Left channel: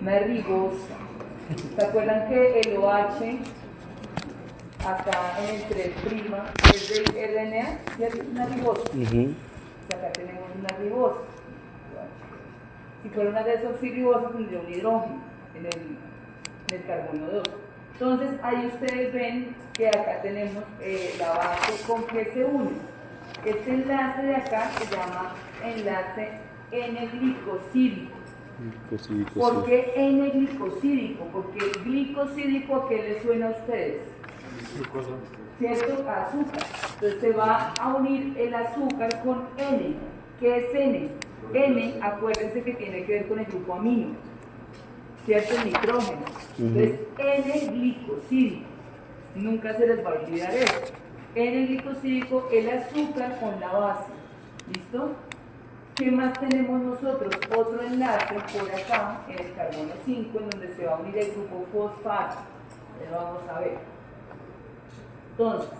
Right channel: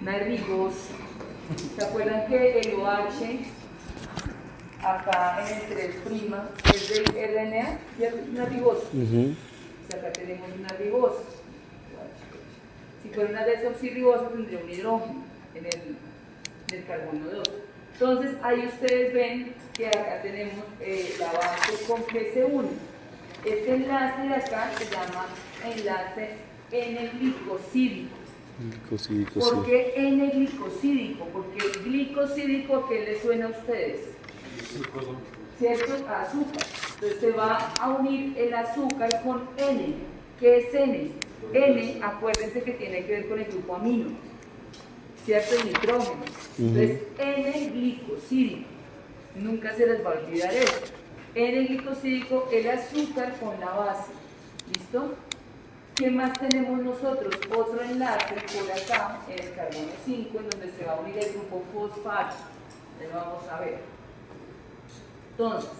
una ribosa. ¿Se acuerdan que el OH acá en el 3' es del RNA? ¿Cierto? Es una ribosa. O sea, acá tenemos una ribosa. Si fuera una desoxirribosa tendría un hidrógeno en el carbono 2. Entonces ahí ustedes ven que acá tenemos la base con que se une. Este enlace de acá se llama enlace N-glicosídico. ¿Por qué N-glicosídico? Porque el glicosídico, ¿a qué le suena a ustedes? ¿Cierto? Azúcar. Entonces se va a unir el azúcar con N. ¿Qué es N? N, acuérdense que tiene que ver con el grupo amino, ¿cierto? El nitrógeno. Entonces, N-glicosídico. Nunca se les va a olvidar eso. N-glicosídico, el azúcar con la base. ¿Listo? ¿Qué más tenemos nosotros? Otro enlace por acá, en el carbono 5, en donde se va a unir el grupo fosfato. Lo vamos a ver. Entonces,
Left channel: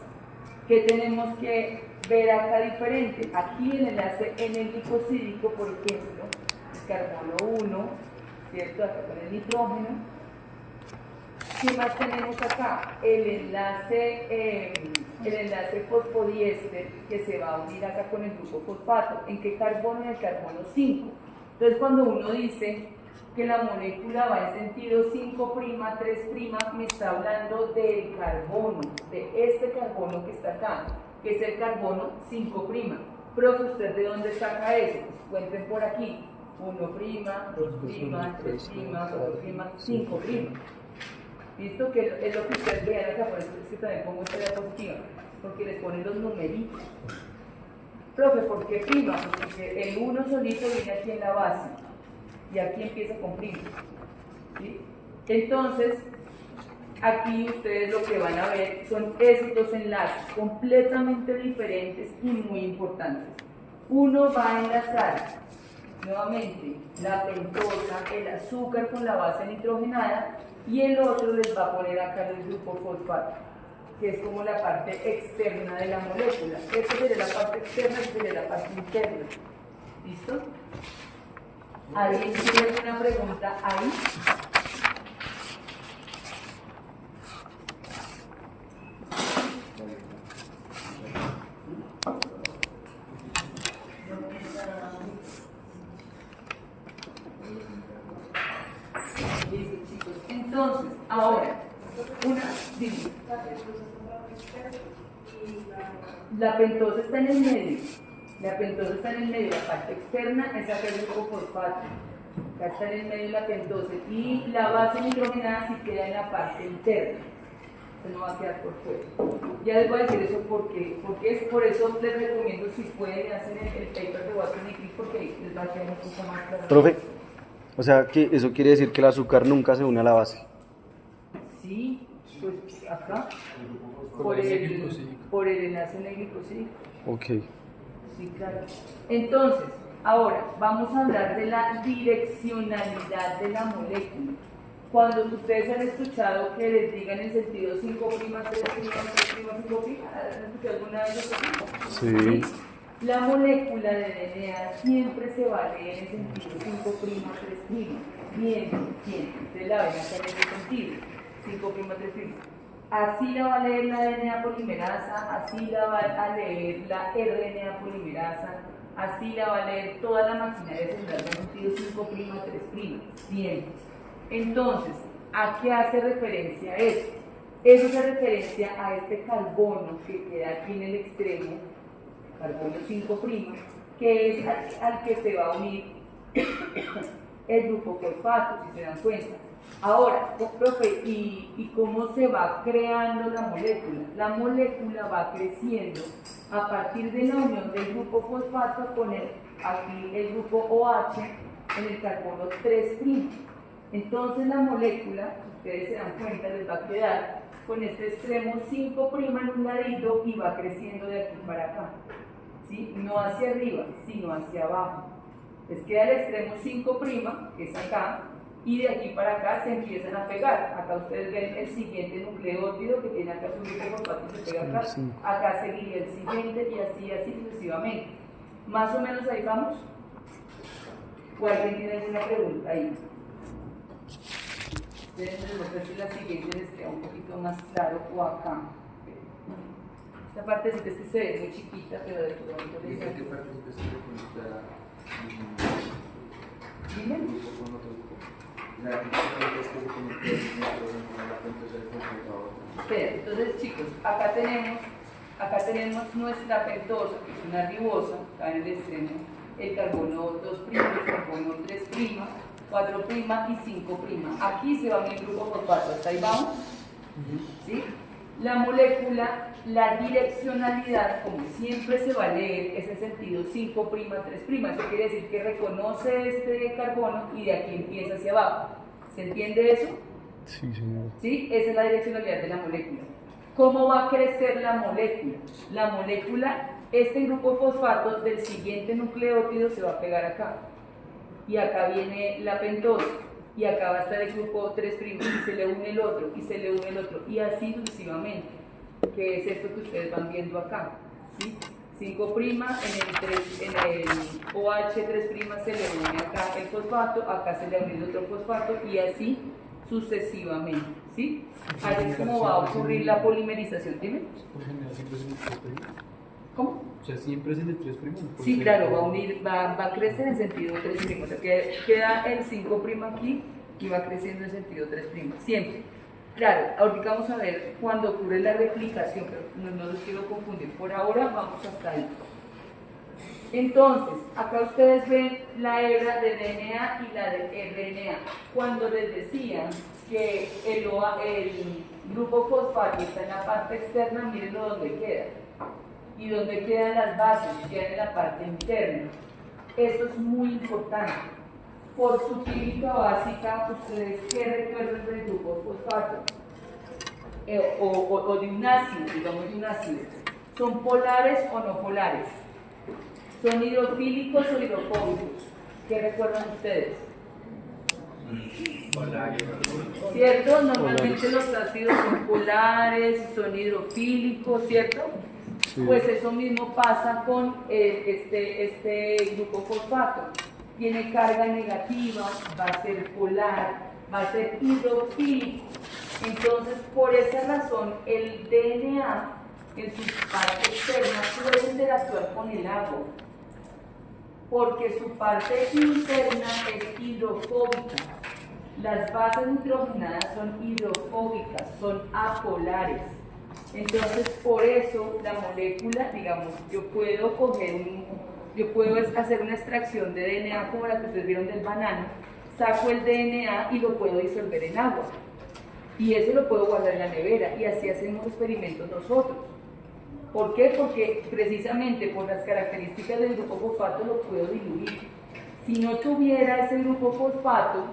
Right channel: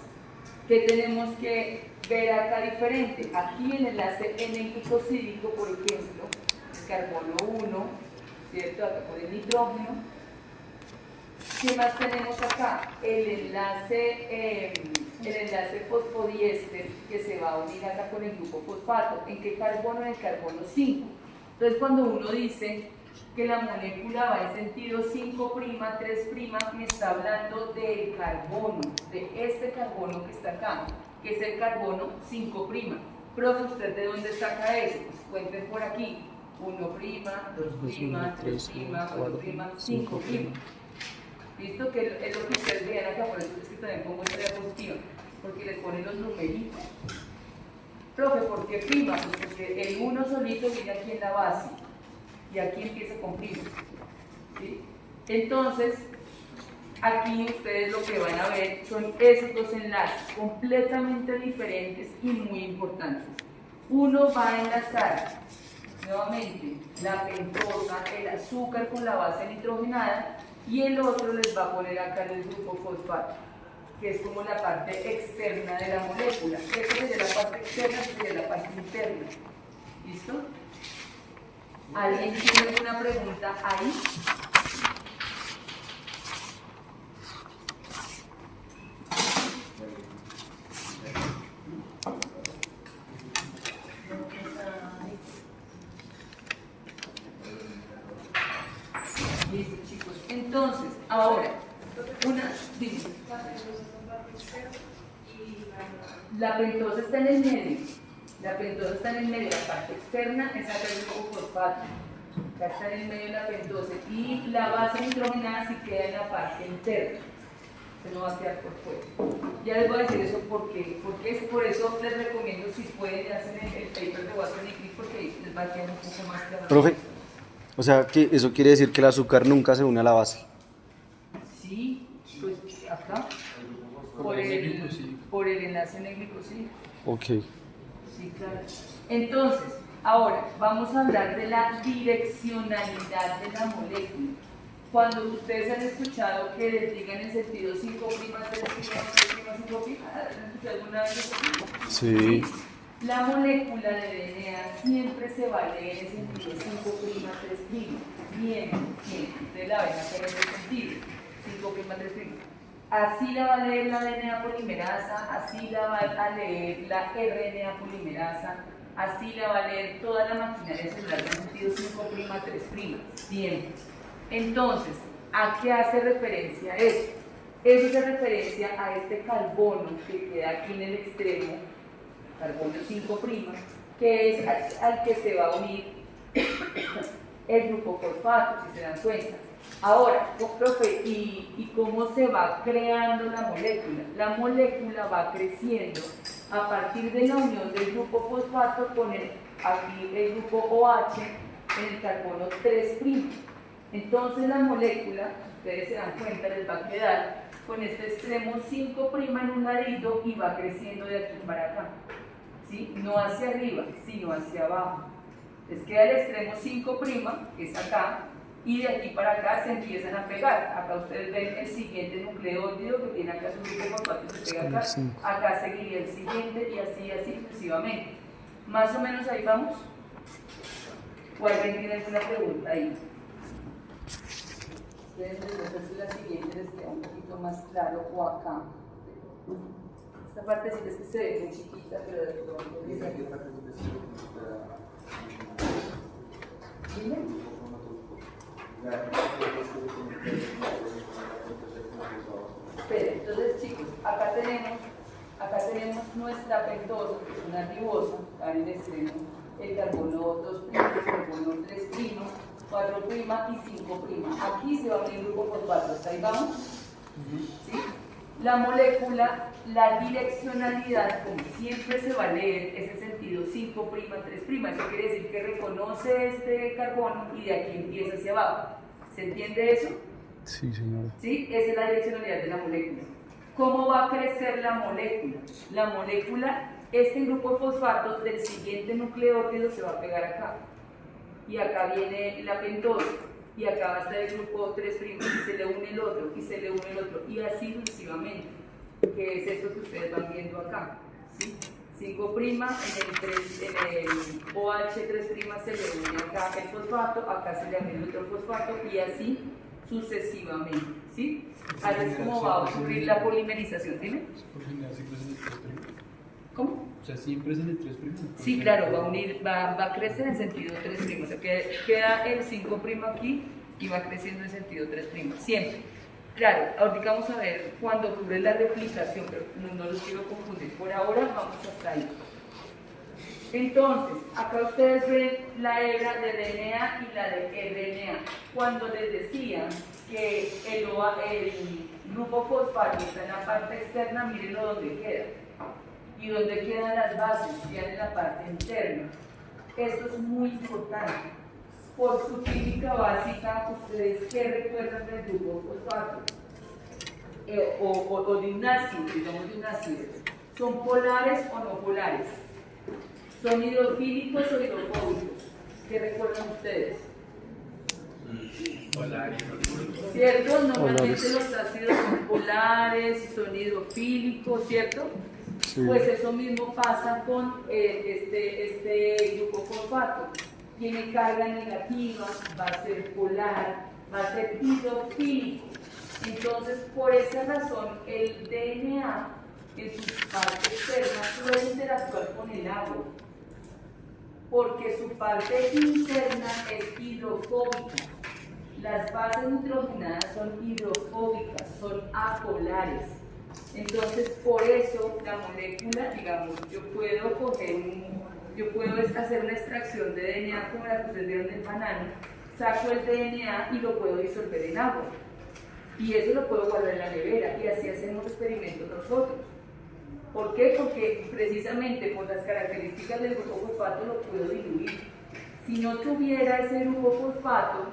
¿qué tenemos que ver acá diferente? Aquí el enlace N-glicosídico, por ejemplo, el carbono 1, ¿cierto? Acá con el nitrógeno. ¿Qué más tenemos acá? El enlace fosfodiéster que se va a unir acá con el grupo fosfato. ¿En qué carbono? En el carbono 5. Entonces, cuando uno dice que la molécula va en sentido 5', 3', me está hablando del carbono, de este carbono que está acá, que es el carbono 5'. Profe, ¿usted de dónde saca eso? Pues cuenten por aquí. 1', 2', 3', 4', 5'. ¿Listo? Que es lo que ustedes vean acá, por eso es que también pongo estrella positiva, porque le ponen los numeritos. Profe, ¿por qué prima? Pues porque el 1 solito viene aquí en la base, y aquí empieza con prima. ¿Sí? Entonces, aquí ustedes lo que van a ver son esos dos enlaces completamente diferentes y muy importantes. Uno va a enlazar nuevamente la pentosa, el azúcar con la base nitrogenada, y el otro les va a poner acá en el grupo fosfato, que es como la parte externa de la molécula. Esta sería la parte externa, esta sería la parte interna. ¿Listo? ¿Alguien tiene alguna pregunta ahí? Listo, chicos. Entonces, ahora, dime. La pentosa está en el medio. La pentosa está en el medio. La parte externa es acá el grupo fosfato. Acá está en el medio la pentosa. Y la base nitrogenada sí queda en la parte interna. Se no va a quedar por fuera. Ya les voy a decir eso porque es por eso les recomiendo, si pueden, hacer el paper de Watson y Crick, porque les va a quedar un poco más claro. Profe, o sea, que eso quiere decir que el azúcar nunca se une a la base. Sí, pues acá, por el enlace N-glicosídico. Ok. Sí, claro. Entonces, ahora vamos a hablar de la direccionalidad de la molécula. Cuando ustedes han escuchado que les digan en sentido 5', 3', 5', ¿han escuchado alguna vez eso? Sí. La molécula de DNA siempre se va a leer en sentido 5', 3'. Bien, siempre. Ustedes la ven acá en ese sentido. 5', 3'. Así la va a leer la DNA polimerasa, así la va a leer la RNA polimerasa, así la va a leer toda la maquinaria celular en sentido 5', 3'. Bien. Entonces, ¿a qué hace referencia eso? Eso hace referencia a este carbono que queda aquí en el extremo, carbono 5', que es al que se va a unir el grupo fosfato, si se dan cuenta. Ahora, profe, ¿y cómo se va creando la molécula? La molécula va creciendo a partir de la unión del grupo fosfato con aquí el grupo OH en el carbono 3'. Entonces la molécula, ustedes se dan cuenta, les va a quedar con este extremo 5' en un ladito y va creciendo de aquí para acá. ¿Sí? No hacia arriba, sino hacia abajo. Les queda el extremo 5', que es acá, y de aquí para acá se empiezan a pegar. Acá ustedes ven el siguiente nucleótido que tiene acá su grupo fosfato y se pega acá. Acá seguiría el siguiente y así sucesivamente. Más o menos ahí vamos. ¿O alguien tiene alguna pregunta ahí? Entonces, ver si la siguiente les queda un poquito más claro o acá. Esta partecita es que se ve muy chiquita, pero de pronto les ¿Qué partecita se ve como está? Dime. Entonces, chicos, acá tenemos nuestra pentosa, que es una ribosa, acá en el extremo, el carbono 2', el carbono 3', 4' y 5'. Aquí se va el grupo fosfato, ¿hasta ahí vamos? ¿Sí? La molécula, la direccionalidad, como siempre se va a leer, es el sentido 5', 3'. Eso quiere decir que reconoce este carbono y de aquí empieza hacia abajo. ¿Se entiende eso? Sí, señor. ¿Sí? Esa es la direccionalidad de la molécula. ¿Cómo va a crecer la molécula? La molécula, este grupo fosfato del siguiente nucleótido se va a pegar acá. Y acá viene la pentosa. Y acá va a estar el grupo 3' y se le une el otro, y se le une el otro, y así sucesivamente, que es esto que ustedes van viendo acá, ¿sí? 5' en el OH 3' se le une acá el fosfato, acá se le une otro fosfato, y así sucesivamente, ¿sí? Así es como va a ocurrir la polimerización, ¿tiene? Por general siempre es en el 3'. ¿Cómo? O sea, siempre es en el 3'. Sí, claro, va a crecer en sentido 3', o sea, queda el 5' aquí y va creciendo en sentido 3', siempre. Claro, ahorita vamos a ver cuando ocurre la replicación, pero no los quiero confundir. Por ahora vamos hasta ahí. Entonces, acá ustedes ven la hebra de DNA y la de RNA. Cuando les decía que el grupo fosfato está en la parte externa, mírenlo donde queda. Y donde quedan las bases, quedan en la parte interna. Esto es muy importante. Por su química básica, ¿ustedes qué recuerdan del grupo fosfato? O de un ácido, digamos de un ácido. ¿Son polares o no polares? ¿Son hidrofílicos o hidrofóbicos? ¿Qué recuerdan ustedes? Polares. ¿Cierto? Normalmente los ácidos son polares, son hidrofílicos, ¿cierto? Sí. Pues eso mismo pasa con este grupo fosfato. Tiene carga negativa, va a ser polar, va a ser hidrofílico. Entonces, por esa razón, el DNA en su parte externa puede interactuar con el agua, porque su parte interna es hidrofóbica. Las bases nitrogenadas son hidrofóbicas, son apolares. Entonces, por eso la molécula, digamos, yo puedo hacer una extracción de DNA como la que ustedes vieron del banano, saco el DNA y lo puedo disolver en agua. Y eso lo puedo guardar en la nevera y así hacemos experimentos nosotros. ¿Por qué? Porque precisamente por las características del grupo fosfato lo puedo diluir. Si no tuviera ese grupo fosfato,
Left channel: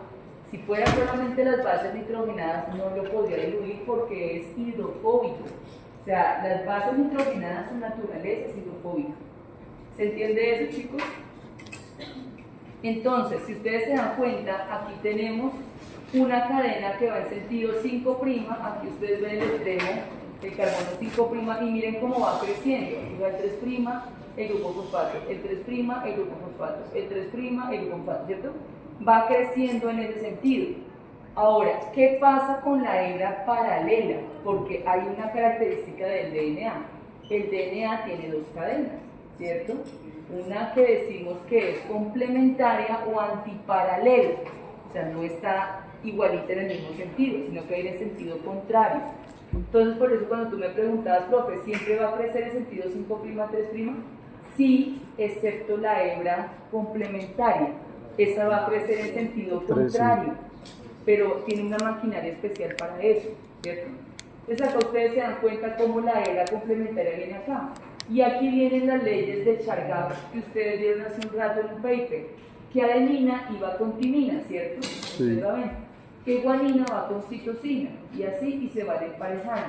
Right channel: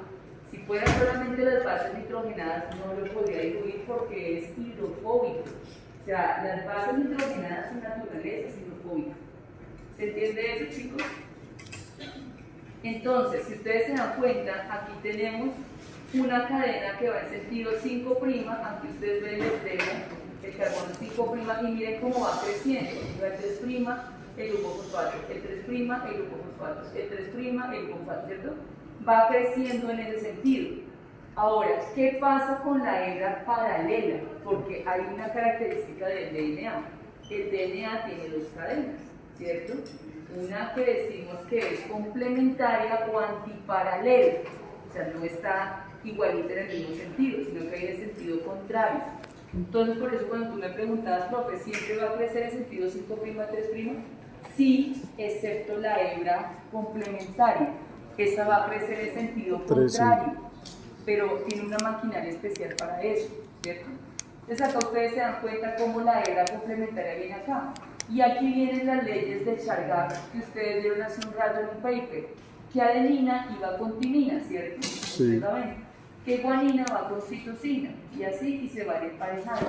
si fueran solamente las bases nitrogenadas, no lo podría diluir porque es hidrofóbico. O sea, las bases nitrogenadas, su naturaleza es hidrofóbica. ¿Se entiende eso, chicos? Entonces, si ustedes se dan cuenta, aquí tenemos una cadena que va en sentido 5', aquí ustedes ven el extremo, el carbono 5', y miren cómo va creciendo. O sea, el 3', el grupo fosfato, el 3', el grupo fosfato, el 3', el grupo fosfato, ¿cierto? Va creciendo en ese sentido. Ahora, ¿qué pasa con la hebra paralela? Porque hay una característica del DNA. El DNA tiene dos cadenas, ¿cierto? Una que decimos que es complementaria o antiparalela, o sea, no está igualita en el mismo sentido, sino que hay en el sentido contrario. Entonces, por eso cuando tú me preguntabas, profe, ¿siempre va a crecer en sentido 5', 3'? Sí, excepto la hebra complementaria. Esa va a crecer en sentido contrario, pero tiene una maquinaria especial para eso, ¿cierto? Entonces acá ustedes se dan cuenta cómo la hebra complementaria viene acá. Y aquí vienen las leyes de Chargaff que ustedes vieron hace un rato en un paper, que adenina iba con timina, ¿cierto? Sí. Que guanina va con citosina, y así, y se van emparejando.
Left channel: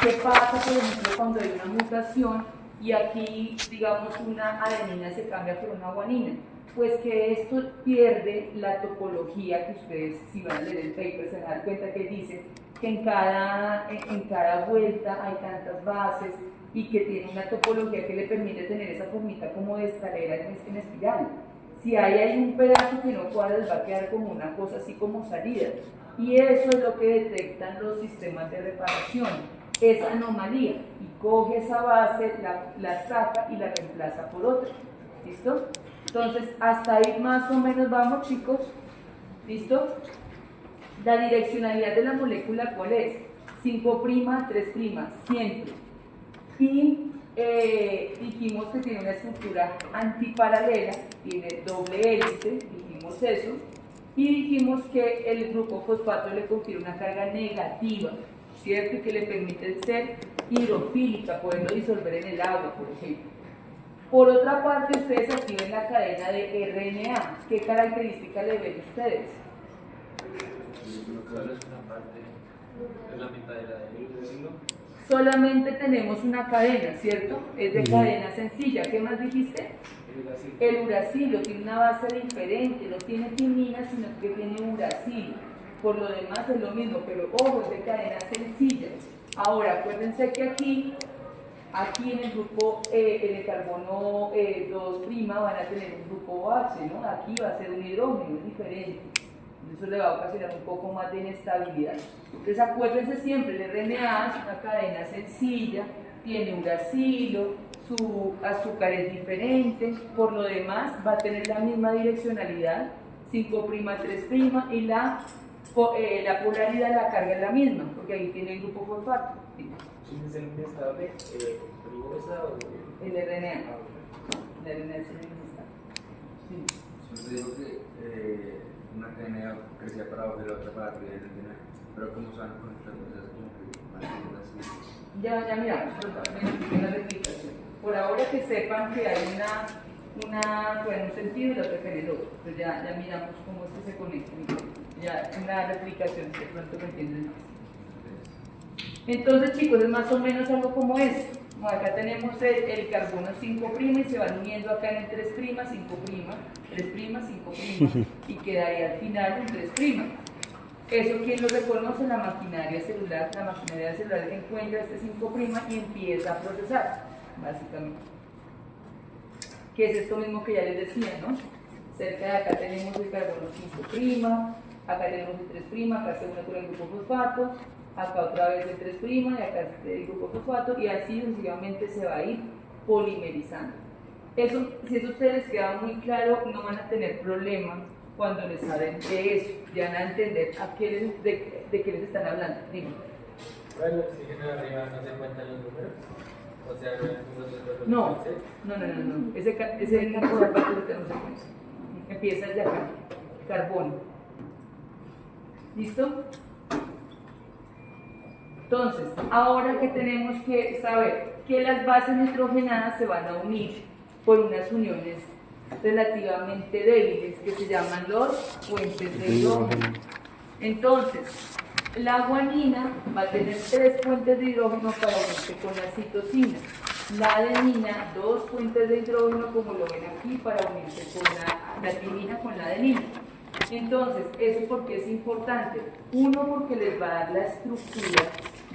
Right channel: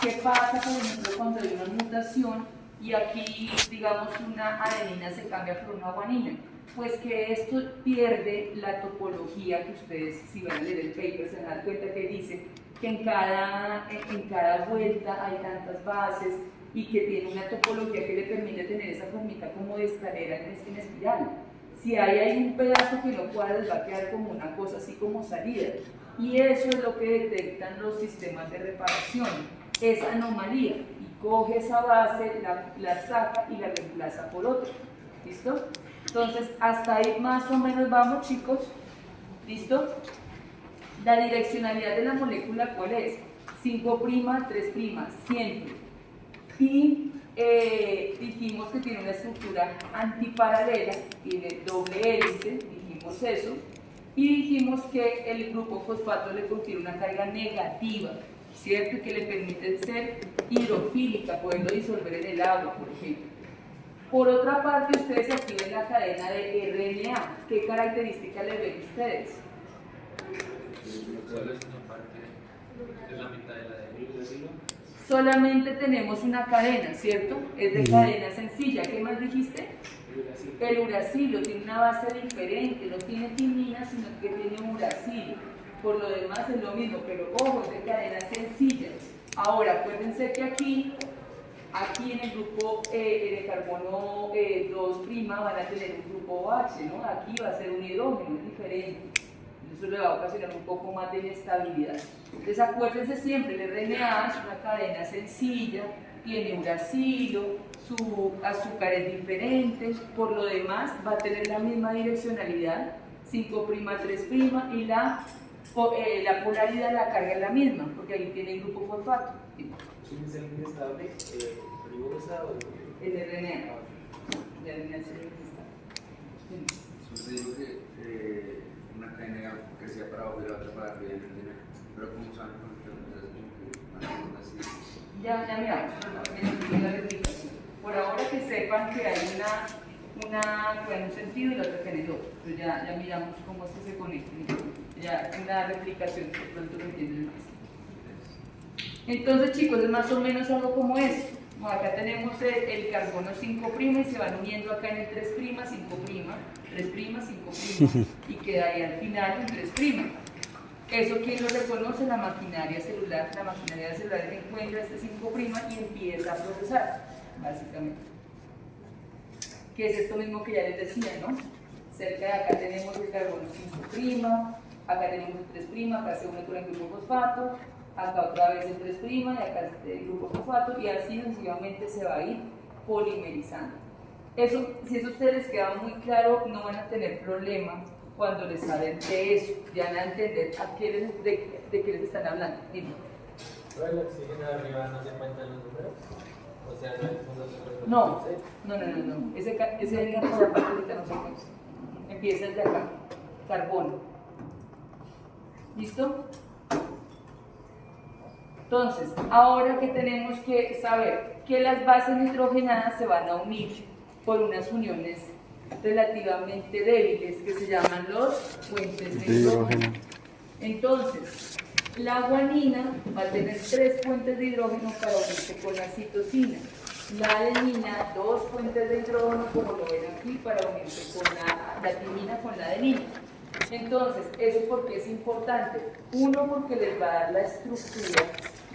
¿Qué pasa, por ejemplo, cuando hay una mutación y aquí, digamos, una adenina se cambia por una guanina? Pues que esto pierde la topología que ustedes, si van a leer el paper, se van a dar cuenta que dice que en cada vuelta hay tantas bases y que tiene una topología que le permite tener esa formita como de escalera en espiral. Si hay un pedazo que no cuadra, les va a quedar como una cosa así como salida. Y eso es lo que detectan los sistemas de reparación, esa anomalía. Y coge esa base, la saca y la reemplaza por otra. ¿Listo? Entonces, hasta ahí más o menos vamos, chicos. ¿Listo? La direccionalidad de la molécula, ¿cuál es? 5', 3', siempre. Y dijimos que tiene una estructura antiparalela, tiene doble hélice, dijimos eso, y dijimos que el grupo fosfato le confiere una carga negativa, ¿cierto? Y que le permite ser hidrofílica, poderlo disolver en el agua, por ejemplo. Por otra parte, ustedes aquí ven la cadena de RNA. ¿Qué característica le ven ustedes? Solo es una parte, es la mitad de la del hilo. Solamente tenemos una cadena, ¿cierto? Es de cadena sencilla. ¿Qué más dijiste? El uracilo tiene una base diferente, no tiene timina, sino que tiene uracilo. Por lo demás es lo mismo, pero ojo, es de cadena sencilla. Ahora, acuérdense que aquí en el grupo, en el carbono 2' van a tener un grupo OH, ¿no? Aquí va a ser un hidrógeno, es diferente. Eso le va a ocasionar un poco más de inestabilidad. Entonces acuérdense siempre, el RNA es una cadena sencilla, tiene uracilo, su azúcar es diferente, por lo demás va a tener la misma direccionalidad, 5', 3', y la polaridad, la carga es la misma, porque ahí tiene el grupo fosfato. ¿Quién es el inestable? ¿Ribosa o...? El RNA. El RNA es el inestable. Usted dijo que una cadena crecía para abajo y la otra para arriba en el DNA, pero como se van conectando, entonces como que así. Ya miramos, en la replicación. Por ahora que sepan que hay una en un sentido y la otra en el otro, pues ya miramos cómo es que se conectan. Ya en la replicación de pronto lo entienden más. Entonces, chicos, es más o menos algo como esto. Como acá tenemos el carbono 5' y se van uniendo acá en el 3', 5', 5', y queda ahí al final un 3'. Eso, ¿quién lo reconoce? La maquinaria celular. La maquinaria celular que encuentra este 5' y empieza a procesar, básicamente. Que es esto mismo que ya les decía, ¿no? Cerca de acá tenemos el carbono 5', acá tenemos el 3', acá se une con el grupo fosfato, acá otra vez el 3' y acá el grupo fosfato, y así sucesivamente se va a ir polimerizando. Eso, si eso a ustedes les queda muy claro, no van a tener problema cuando les hablen de eso, ya van a entender de qué les están hablando. Dime. ¿Pero el oxígeno arriba no se cuentan los números? O sea, No. Ese campo de acá ahorita no se cuenta. Empieza desde acá, carbono. ¿Listo? Entonces, ahora que tenemos que saber que las bases nitrogenadas se van a unir por unas uniones relativamente débiles que se llaman los puentes de hidrógeno. Entonces, la guanina va a tener 3 puentes de hidrógeno para unirse con la citosina. La adenina, 2 puentes de hidrógeno, como lo ven aquí, para unirse con la timina con la adenina. Entonces, ¿eso por qué es importante? Uno, porque les va a dar la estructura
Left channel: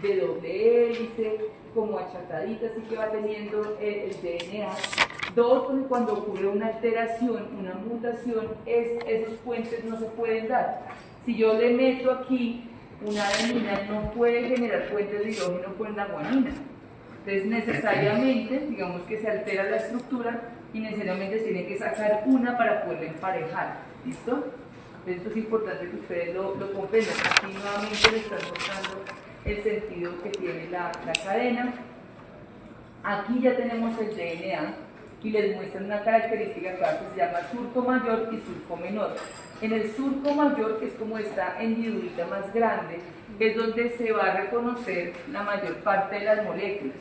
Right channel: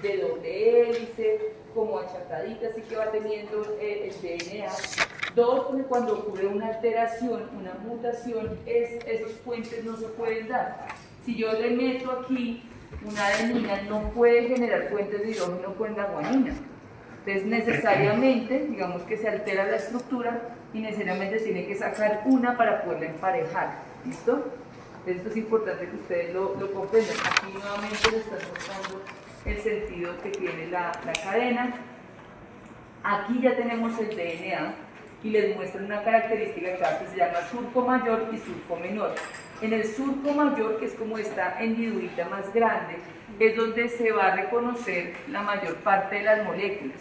de doble hélice, como achacadita, así que va teniendo el DNA. 2, porque cuando ocurre una alteración, una mutación, esos puentes no se pueden dar. Si yo le meto aquí una adenina, no puede generar puentes de hidrógeno con la guanina. Entonces, necesariamente, digamos que se altera la estructura y necesariamente se tiene que sacar una para poderla emparejar. ¿Listo? Entonces, esto es importante que ustedes lo comprendan. Aquí nuevamente les están mostrando el sentido que tiene la cadena. Aquí ya tenemos el DNA y les muestran una característica acá que se llama surco mayor y surco menor. En el surco mayor, que es como esta hendidurita más grande, es donde se va a reconocer la mayor parte de las moléculas.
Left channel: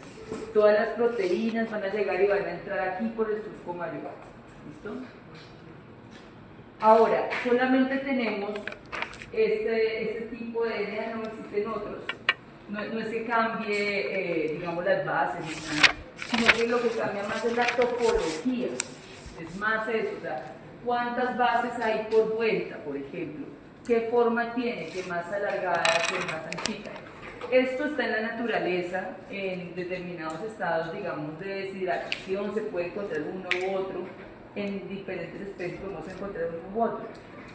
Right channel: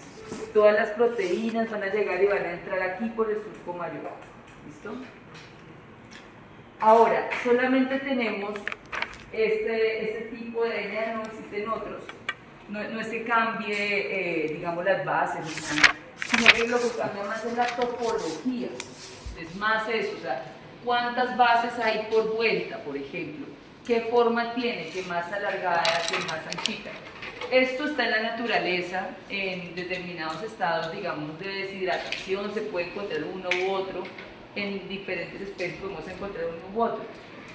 Todas las proteínas van a llegar y van a entrar aquí por el surco mayor. ¿Listo? Ahora, solamente tenemos este tipo de DNA, no existen otros. No es que cambie, digamos, las bases, sino que lo que cambia más es la topología. Es más eso, o sea, cuántas bases hay por vuelta, por ejemplo. ¿Qué forma tiene? ¿Qué más alargada? ¿Qué más anchita? Esto está en la naturaleza, en determinados estados, digamos, de deshidratación, se puede encontrar uno u otro, en diferentes especies podemos encontrar uno u otro.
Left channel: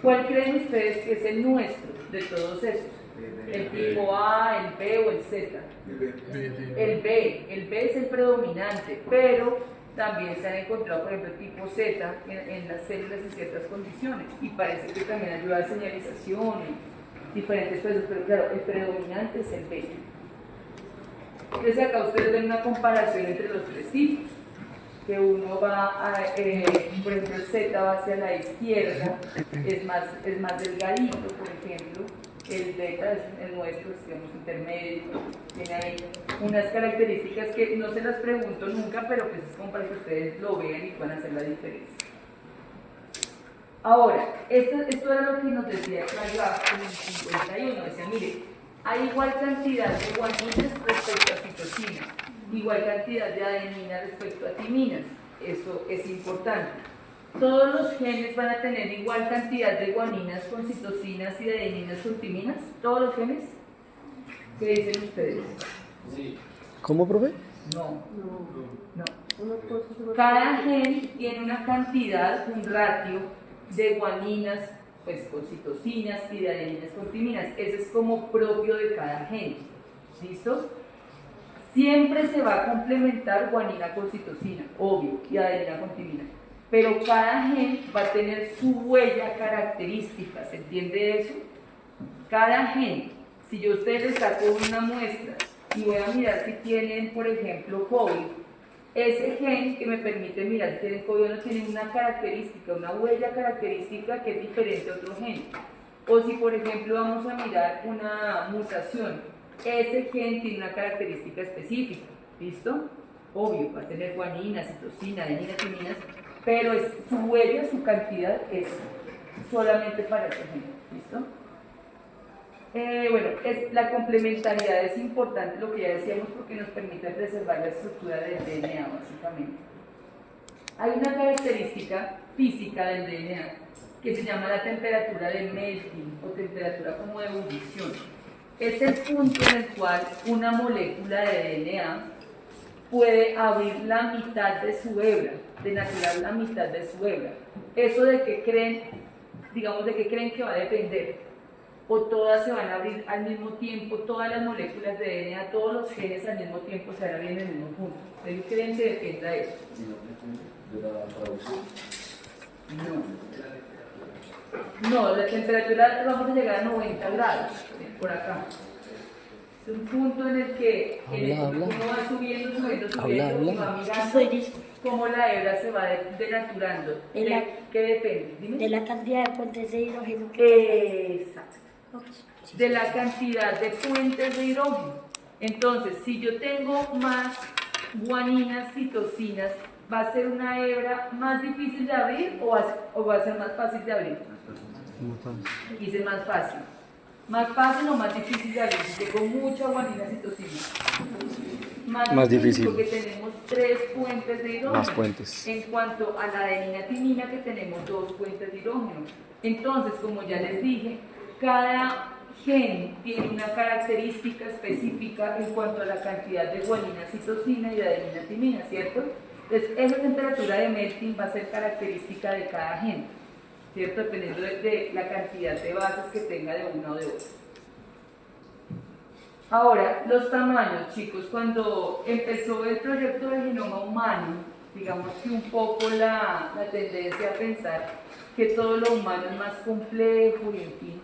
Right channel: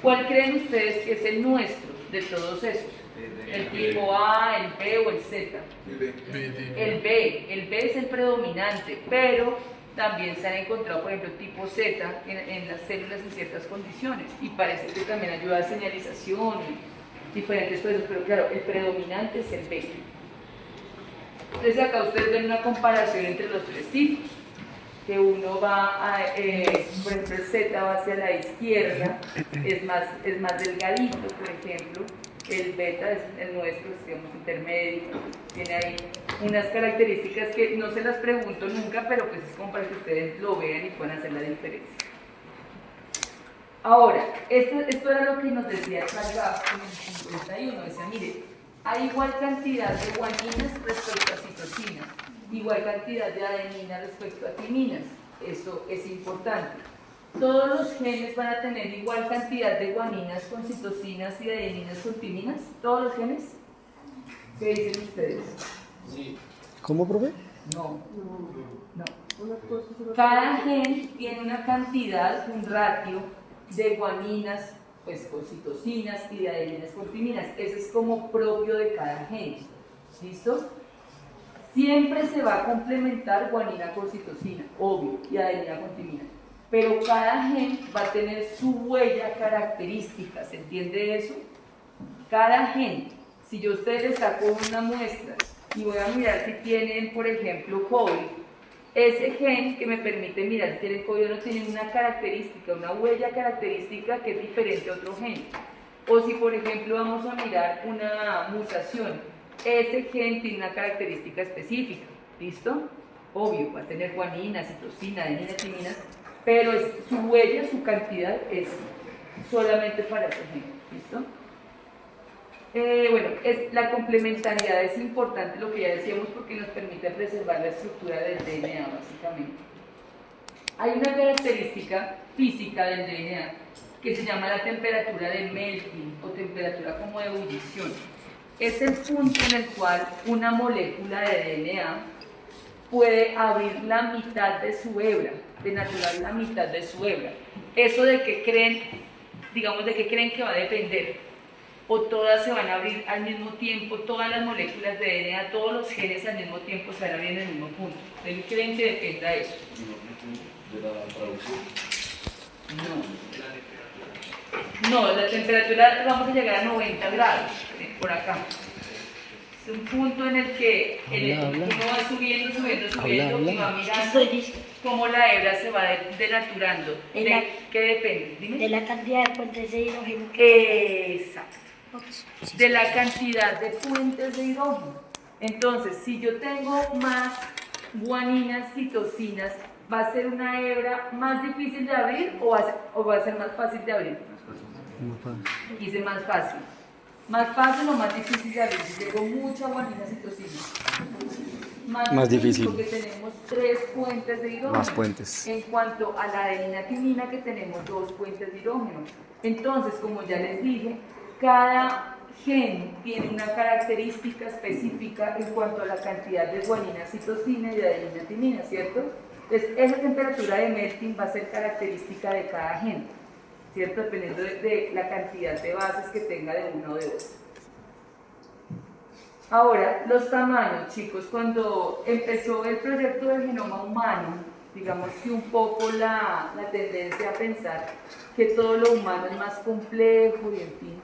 ¿Cuál creen ustedes que es el nuestro de todos esos? ¿El tipo A, el B o el Z? El B es el predominante, pero también se han encontrado, por ejemplo, tipo Z en las células en ciertas condiciones y parece que también ayuda a señalización y diferentes cosas, pero claro, el predominante es el B. Entonces acá ustedes ven una comparación entre los tres tipos, que uno va a, por ejemplo, el Z va hacia la izquierda, es más delgadito, por ejemplo. El beta es el nuestro, es, digamos, intermedio, tiene ahí unas características que no se las pregunto nunca, pero pues es como para que ustedes lo vean y puedan hacer la diferencia. Ahora, esto era lo que nos decía Carvalho en el 51, decía, mire, hay igual cantidad de guaninas respecto a citosinas, igual cantidad de adenina respecto a timinas, eso es importante. ¿Todos los genes van a tener igual cantidad de guaninas con citosinas y de adeninas con timinas? ¿Todos los genes? ¿Qué dicen ustedes? Sí. ¿Cómo, profe? No. Cada gen tiene una cantidad, un ratio de guaninas pues, con citosinas y de adeninas con timinas. Ese es como propio de cada gen. ¿Listo? Siempre se va a complementar guanina con citosina, obvio, y adenina con timina. Pero cada gen va a tener su huella característica, ¿se entiende eso? Cada gen, si yo a ustedes les saco una muestra y voy a mirar si tienen, por ejemplo, COVID, ese gen que me permite mirar si tienen COVID o no tiene una característica, una huella característica que es diferente a otro gen. O si, por ejemplo, vamos a mirar una mutación, ese gen tiene una característica específica, ¿listo? Obvio, va a tener guanina, citosina, adenina, timinas, pero su huella, su cantidad es solamente para ese gen, ¿listo? Bueno, la complementariedad es importante, lo que ya decíamos, porque nos permite preservar la estructura del DNA, básicamente. Hay una característica física del DNA que se llama la temperatura de melting o temperatura como de ebullición. Es el punto en el cual una molécula de DNA puede abrir la mitad de su hebra, denaturar la mitad de su hebra. ¿Eso de qué creen, digamos, de qué creen que va a depender? O todas se van a abrir al mismo tiempo, todas las moléculas de DNA, todos los genes al mismo tiempo se van a abrir en el mismo punto. ¿De qué creen que dependa eso? De la traducción. No, la temperatura vamos a llegar a 90 grados, por acá. Es un punto en el que uno va subiendo y va mirando cómo la hebra se va denaturando. ¿De qué depende? Dime. De la cantidad de puentes de hidrógeno. Exacto. De la cantidad de puentes de hidrógeno. Entonces, si yo tengo más guaninas, citosinas, ¿va a ser una hebra más difícil de abrir o va a ser más fácil de abrir? Dice más fácil. ¿Más fácil o más difícil de abrir? Si tengo mucha guanina, citosina. Más difícil. Porque tenemos 3 puentes de hidrógeno. Más puentes. En cuanto a la adenina timina, que tenemos 2 puentes de hidrógeno. Entonces, como ya les dije, cada gen tiene una característica específica en cuanto a la cantidad de guanina, citosina y de adenina timina, ¿cierto? Entonces, esa temperatura de melting va a ser característica de cada gen, ¿cierto? Dependiendo de la cantidad de bases que tenga de una o de otra. Ahora, los tamaños, chicos, cuando empezó el proyecto del genoma humano, digamos que un poco la tendencia a pensar que todo lo humano es más complejo y en fin,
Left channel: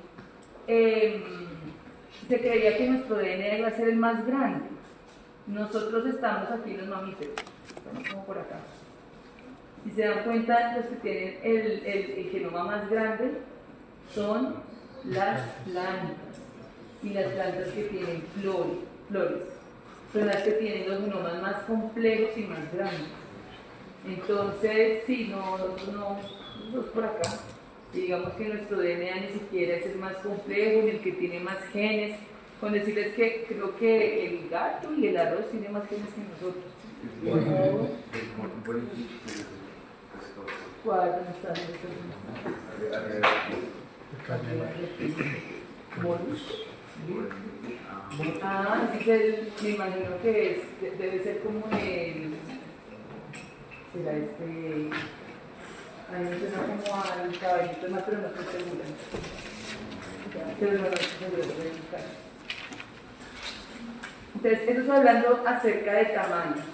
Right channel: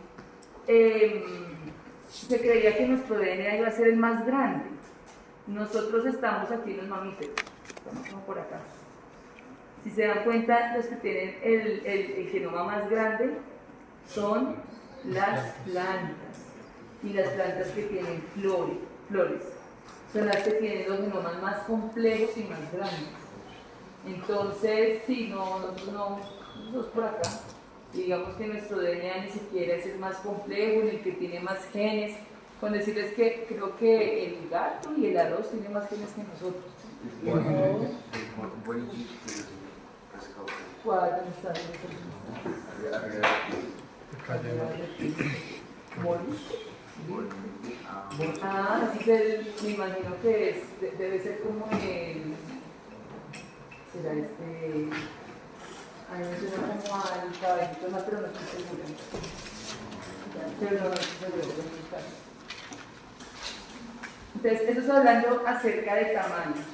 se creía que nuestro DNA iba a ser el más grande. Nosotros estamos aquí en los mamíferos, estamos como por acá. Si se dan cuenta, los que tienen el genoma más grande son las plantas, y las plantas que tienen flores son las que tienen los genomas más complejos y más grandes. Entonces, si no es por acá. Digamos que nuestro DNA ni siquiera es el más complejo, ni el que tiene más genes. Con decirles que creo que el gato y el arroz tienen más genes que nosotros. ¿Cuál? ¿Dónde están? Ah, me imagino que debe ser como el... ¿Será este? A mí me suena como al caballito, no, pero no estoy segura. Pero no estoy segura, voy a buscar. Entonces, eso es hablando acerca de tamaños.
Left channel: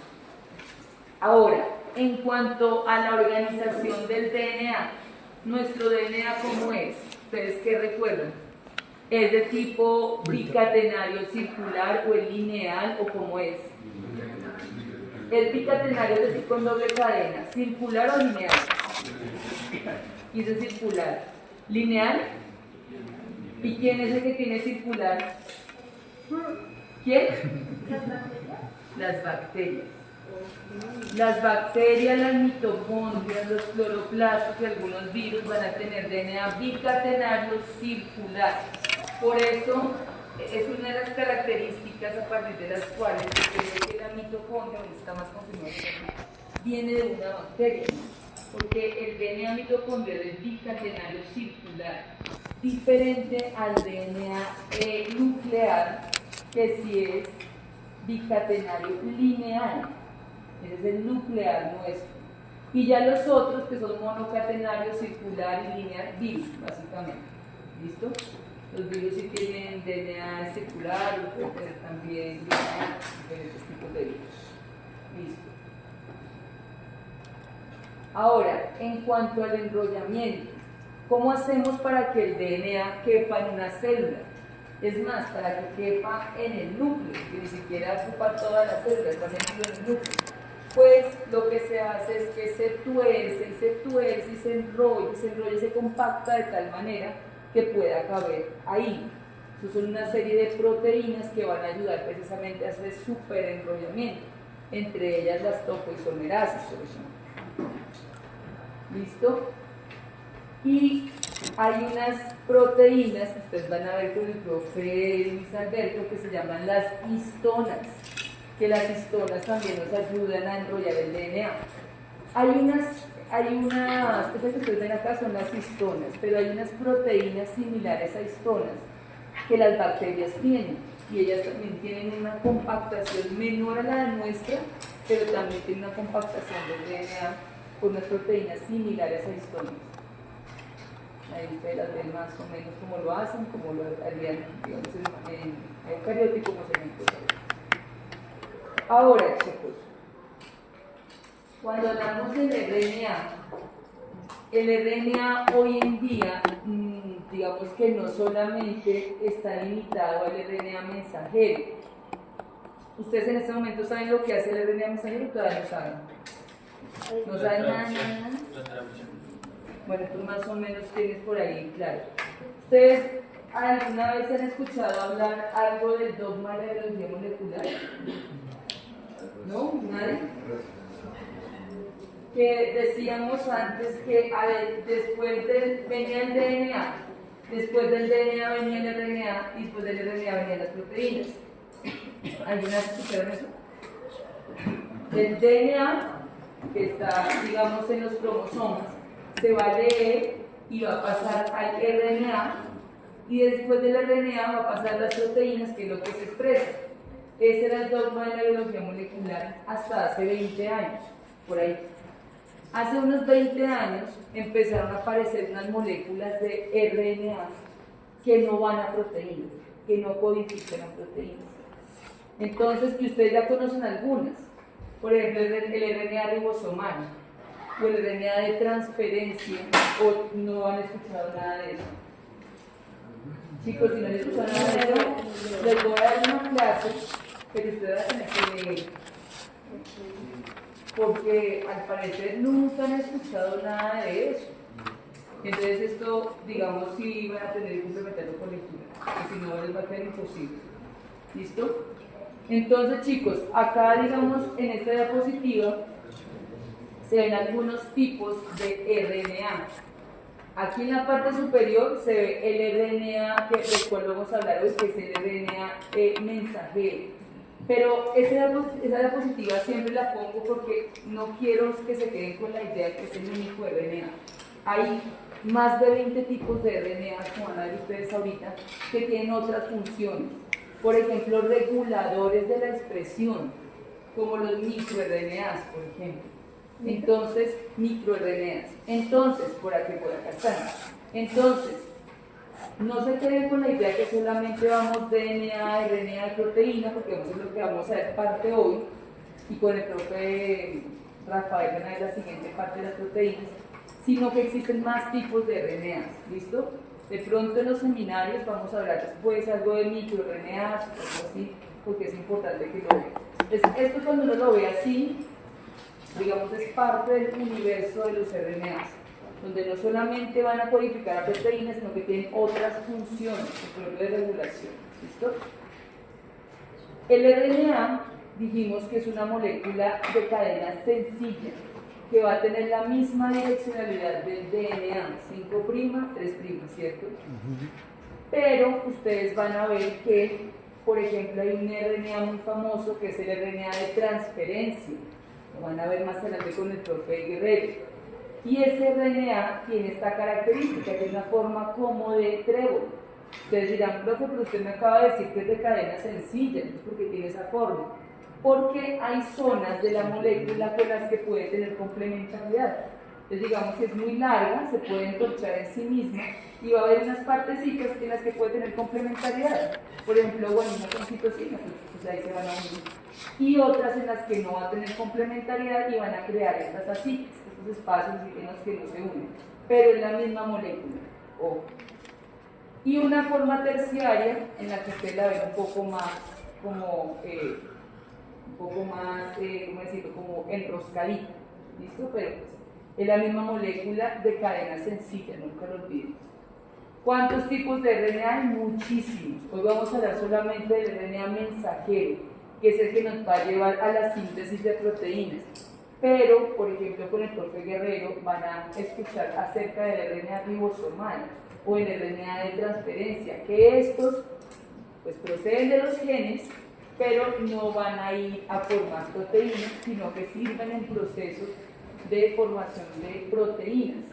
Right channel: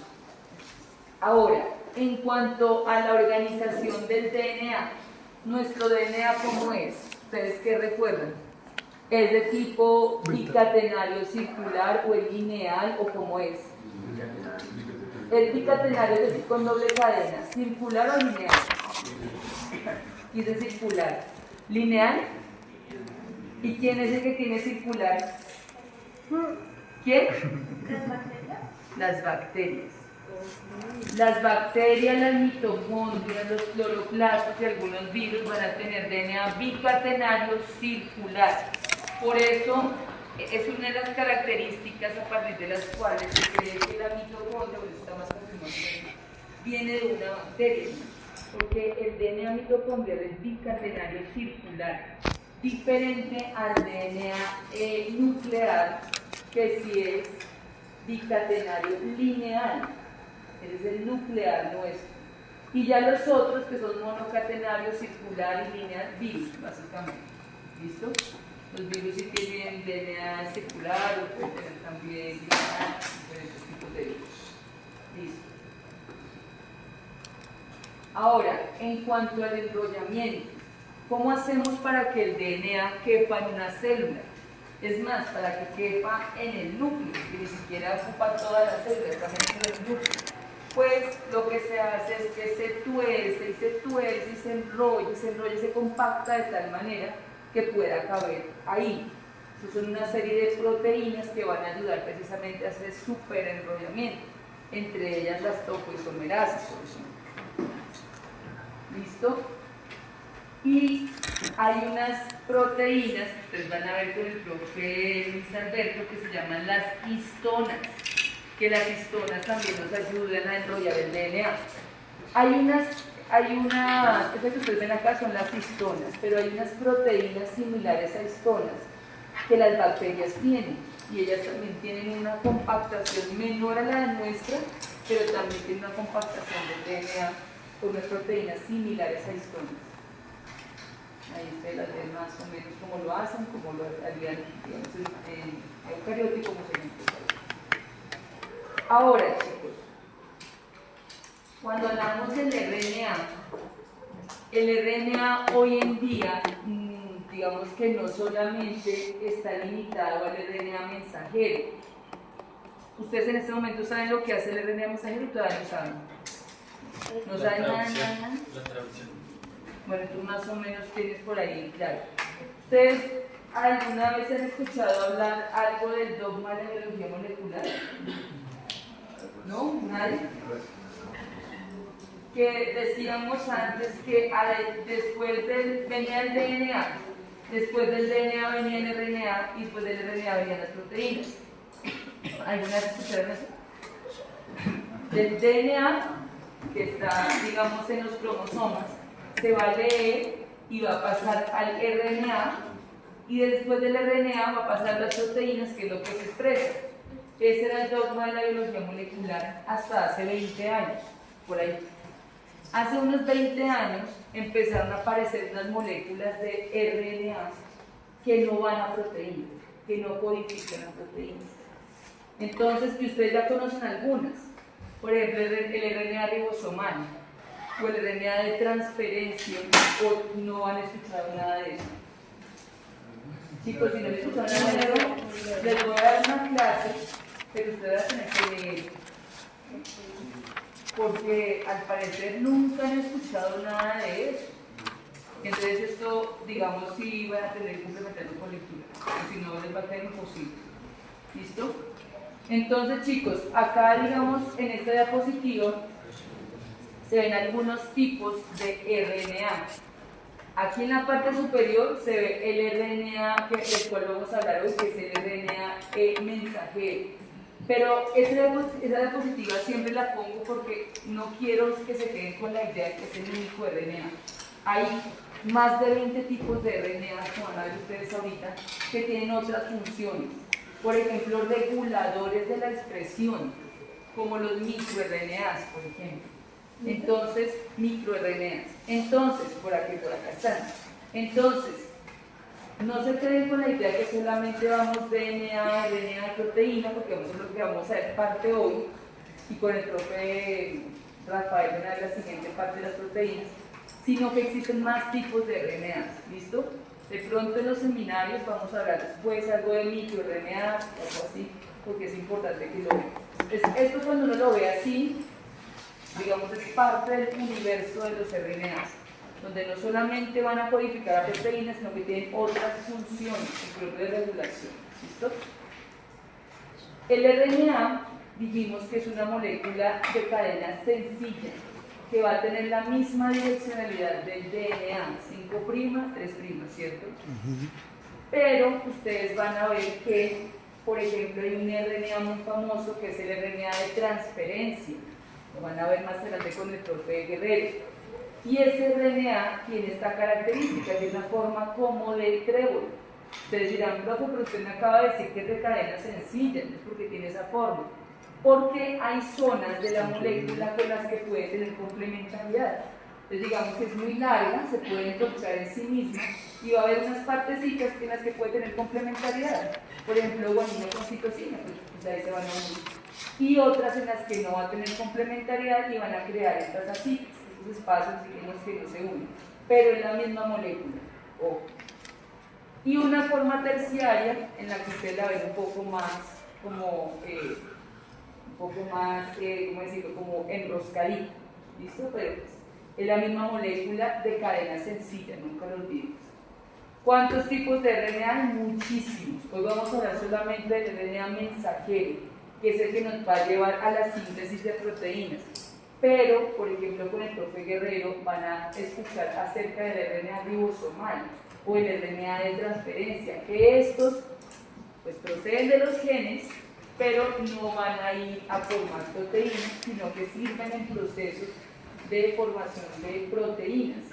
Ahora, en cuanto a la organización del DNA, nuestro DNA, ¿cómo es? ¿Ustedes qué recuerdan? ¿Es de tipo bicatenario circular o es lineal o cómo es? ¿El bicatenario es decir con doble cadena, circular o lineal? Y es circular. ¿Lineal? ¿Y quién es el que tiene circular? ¿Quién? Las bacterias. Las bacterias, las mitocondrias, los cloroplastos y algunos virus van a tener DNA bicatenario circular. Por eso es una de las características a partir de las cuales se cree que la mitocondria, está más confirmado, viene de una bacteria, porque el DNA mitocondrial es bicatenario circular, diferente al DNA nuclear, que sí es bicatenario lineal. Ese es el nuclear nuestro. Y ya los otros que son monocatenarios, circular y lineal, virus, básicamente. ¿Listo? Los virus sí tienen DNA circular, o pueden tener también lineal, diferentes tipos de virus. Listo. Ahora, en cuanto al enrollamiento, ¿cómo hacemos para que el DNA quepa en una célula? Es más, para que quepa en el núcleo, que ni siquiera ocupa toda la célula, también en el núcleo. Pues lo que se hace es que se tuerce y se tuerce y se enrolla y se compacta de tal manera que pueda caber ahí. Eso son una serie de proteínas que van a ayudar precisamente a hacer superenrollamiento, entre ellas las topoisomerasas, por ejemplo. ¿Listo? Y hay unas proteínas que ustedes van a ver con el profe Luis Alberto que se llaman las histonas, que las histonas también nos ayudan a enrollar el DNA. Estas que ustedes ven acá son las histonas, pero hay unas proteínas similares a histonas que las bacterias tienen, y ellas también tienen una compactación menor a la de nuestra, pero también tienen una compactación del DNA con unas proteínas similares a histonas. Ahí ustedes las ven más o menos cómo lo hacen, como lo harían, digamos, en eucariota y como se ven. Ahora, chicos, cuando hablamos del RNA, el RNA hoy en día, digamos que no solamente está limitado al RNA mensajero. ¿Ustedes en este momento saben lo que hace el RNA mensajero o todavía no saben? ¿No saben nada? La traducción. Bueno, tú más o menos tienes por ahí, claro. ¿Ustedes alguna vez han escuchado hablar algo del dogma de la biología molecular? ¿No? ¿Nadie? Que decíamos antes que después venía el DNA, después del DNA venía el RNA y después del RNA venían las proteínas. ¿Alguna vez escucharon eso? Del DNA, que está, digamos, en los cromosomas, se va a leer y va a pasar al RNA, y después del RNA va a pasar a las proteínas, que es lo que se expresa. Ese era el dogma de la biología molecular hasta hace 20 años, por ahí. Hace unos 20 años empezaron a aparecer unas moléculas de RNA que no van a proteínas, que no codifican a proteínas. Entonces, que ustedes ya conocen algunas, por ejemplo, el RNA ribosomal, o el RNA de transferencia, o no han escuchado nada de eso. Chicos, si no han escuchado nada de eso, les voy a dar una clase, pero ustedes van a tener que leer, porque al parecer nunca han escuchado nada de eso. Entonces esto, digamos, sí van a tener que complementarlo con lectura, porque si no les va a quedar imposible. ¿Listo? Entonces, chicos, acá, digamos, en esta diapositiva se ven algunos tipos de RNA. Aquí en la parte superior se ve el RNA, que del cual vamos a hablar hoy, que es el RNA mensajero. Pero esa diapositiva siempre la pongo porque no quiero que se queden con la idea de que es el único RNA. Hay más de 20 tipos de RNA, como van a ver ustedes ahorita, que tienen otras funciones. Por ejemplo, reguladores de la expresión, como los microRNAs, por ejemplo. Entonces, microRNAs. Entonces, por acá están. Entonces, no se queden con la idea que solamente vamos DNA, RNA y proteína, porque eso es lo que vamos a ver parte hoy, y con el profe Rafael en la siguiente parte de las proteínas, sino que existen más tipos de RNAs, ¿listo? De pronto en los seminarios vamos a hablar después algo de microRNAs, algo así, porque es importante que lo vean. Esto cuando uno lo ve así, digamos, es parte del universo de los RNAs, donde no solamente van a codificar a proteínas, sino que tienen otras funciones, incluso de regulación. ¿Listo? El RNA, dijimos que es una molécula de cadena sencilla, que va a tener la misma direccionalidad del DNA, 5', 3', ¿cierto? Pero ustedes van a ver que, por ejemplo, hay un RNA muy famoso que es el RNA de transferencia. Lo van a ver más adelante con el profe Guerrero. Y ese RNA tiene esta característica, tiene una forma como de trébol. Ustedes dirán, profe, pero usted me acaba de decir que es de cadena sencilla, ¿no? Porque tiene esa forma. Porque hay zonas de la molécula con las que puede tener complementariedad. Entonces, digamos que es muy larga, se puede encontrar en sí misma, y va a haber unas partecitas en las que puede tener complementariedad. Por ejemplo, guanina con citosina, pues ahí se van a unir. Y otras en las que no va a tener complementariedad y van a crear estas asitas, estos espacios en los que no se unen, pero en la misma molécula. Ojo. Y una forma terciaria en la que usted la ve un poco más como ¿cómo decirlo? Como enroscadito. ¿Listo? Pero pues, es la misma molécula de cadena sencilla, nunca lo olvidemos. ¿Cuántos tipos de RNA hay? Muchísimos. Hoy vamos a hablar solamente del RNA mensajero, que es el que nos va a llevar a la síntesis de proteínas. Pero, por ejemplo, con el profe Guerrero van a escuchar acerca del RNA ribosomal o el RNA de transferencia, que estos pues proceden de los genes, pero no van a ir a formar proteínas, sino que sirven en procesos de formación de proteínas.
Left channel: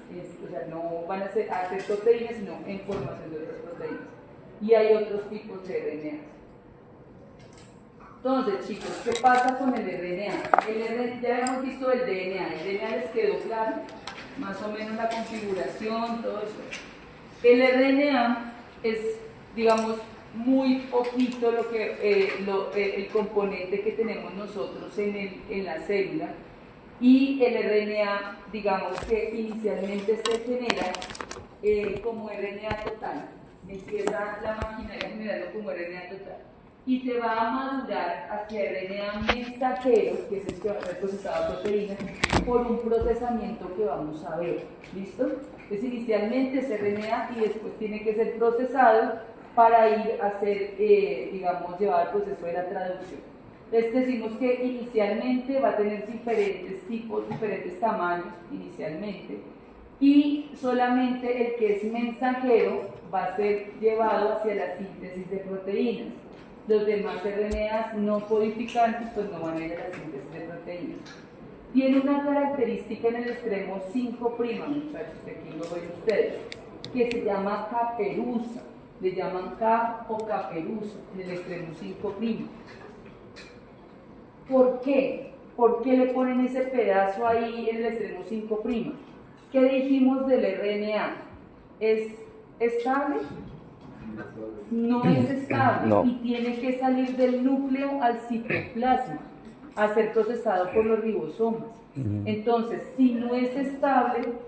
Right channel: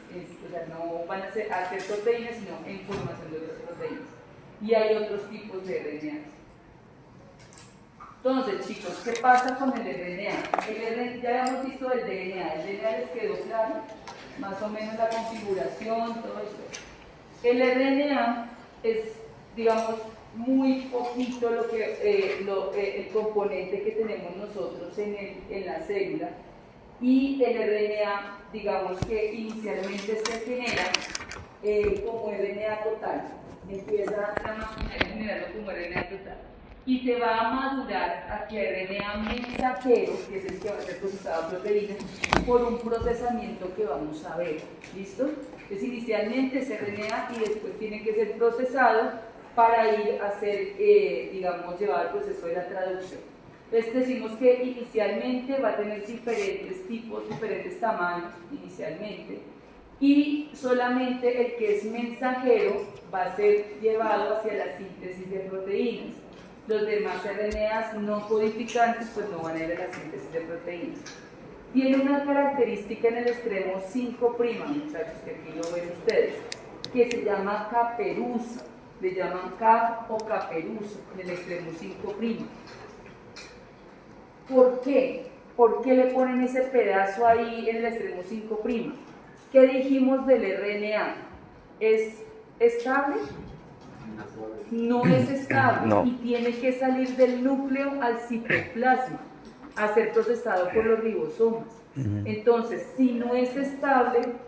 O sea, no van a hacer proteínas, sino en formación de otras proteínas. Y hay otros tipos de RNA. Entonces, chicos, ¿qué pasa con el RNA? Ya hemos visto el DNA. El DNA les quedó claro, más o menos la configuración, todo eso. El RNA es, digamos, muy poquito el componente que tenemos nosotros en la célula, y el RNA, digamos que inicialmente se genera como RNA total, empieza la maquinaria a generarlo como RNA total, y se va a madurar hacia RNA mensajero, que es el que va a ser procesado a proteínas, por un procesamiento que vamos a ver. ¿Listo? Entonces inicialmente es RNA y después tiene que ser procesado para ir a ser, digamos, llevar al proceso de la traducción. Entonces decimos que inicialmente va a tener diferentes tipos, diferentes tamaños inicialmente, y solamente el que es mensajero va a ser llevado hacia la síntesis de proteínas. Los demás RNAs no codificantes pues no van a ir a la síntesis de proteínas. Tiene una característica en el extremo 5', muchachos, que aquí lo ven ustedes, que se llama caperuza. Le llaman cap o caperuza en el extremo 5'. ¿Por qué? ¿Por qué le ponen ese pedazo ahí en el extremo 5'? ¿Qué dijimos del RNA? ¿Es estable? No es estable, no. Y tiene que salir del núcleo al citoplasma a ser procesado por los ribosomas. Entonces, si no es estable,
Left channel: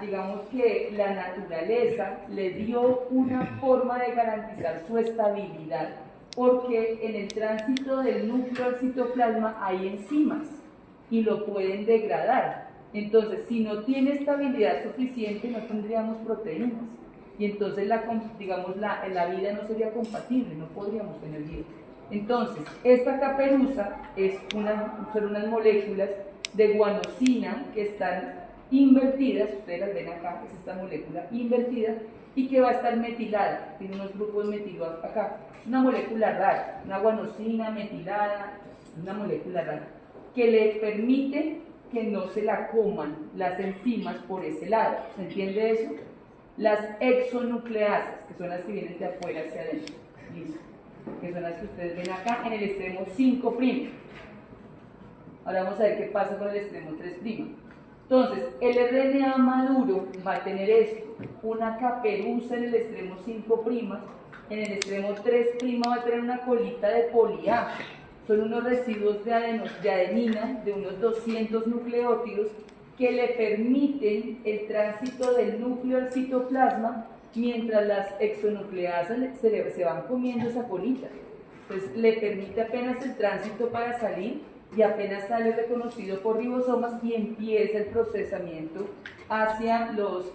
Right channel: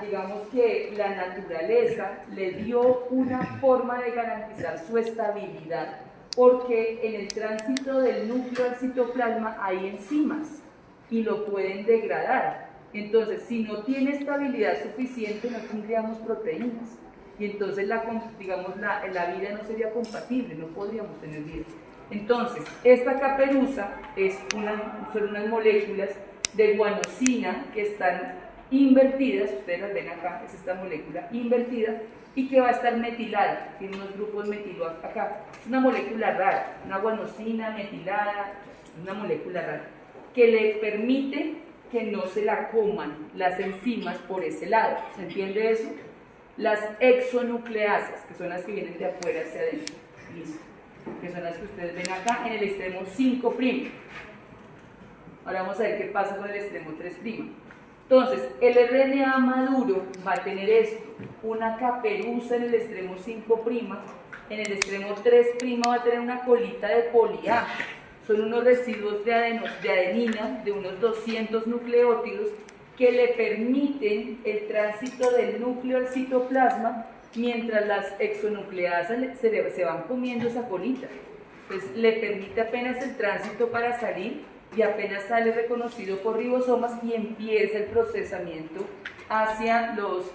digamos que la naturaleza le dio una forma de garantizar su estabilidad, porque en el tránsito del núcleo al citoplasma hay enzimas y lo pueden degradar. Entonces, si no tiene estabilidad suficiente, no tendríamos proteínas. Y entonces, la vida no sería compatible, no podríamos tener vida. Entonces, esta caperuza son unas moléculas de guanosina que están invertidas, ustedes las ven acá, es esta molécula invertida, y que va a estar metilada, tiene unos grupos metilos acá. Es una molécula rara, una guanosina metilada, una molécula rara, que le permite que no se la coman las enzimas por ese lado. ¿Se entiende eso? Las exonucleasas, que son las que vienen de afuera hacia adentro, listo, que son las que ustedes ven acá en el extremo 5'. Ahora vamos a ver qué pasa con el extremo 3'. Entonces, el RNA maduro va a tener esto, una caperuza en el extremo 5', en el extremo 3' va a tener una colita de poli-A. Son unos residuos de adenina de unos 200 nucleótidos que le permiten el tránsito del núcleo al citoplasma mientras las exonucleasas se van comiendo esa colita. Entonces le permite apenas el tránsito para salir y apenas sale reconocido por ribosomas y empieza el procesamiento hacia los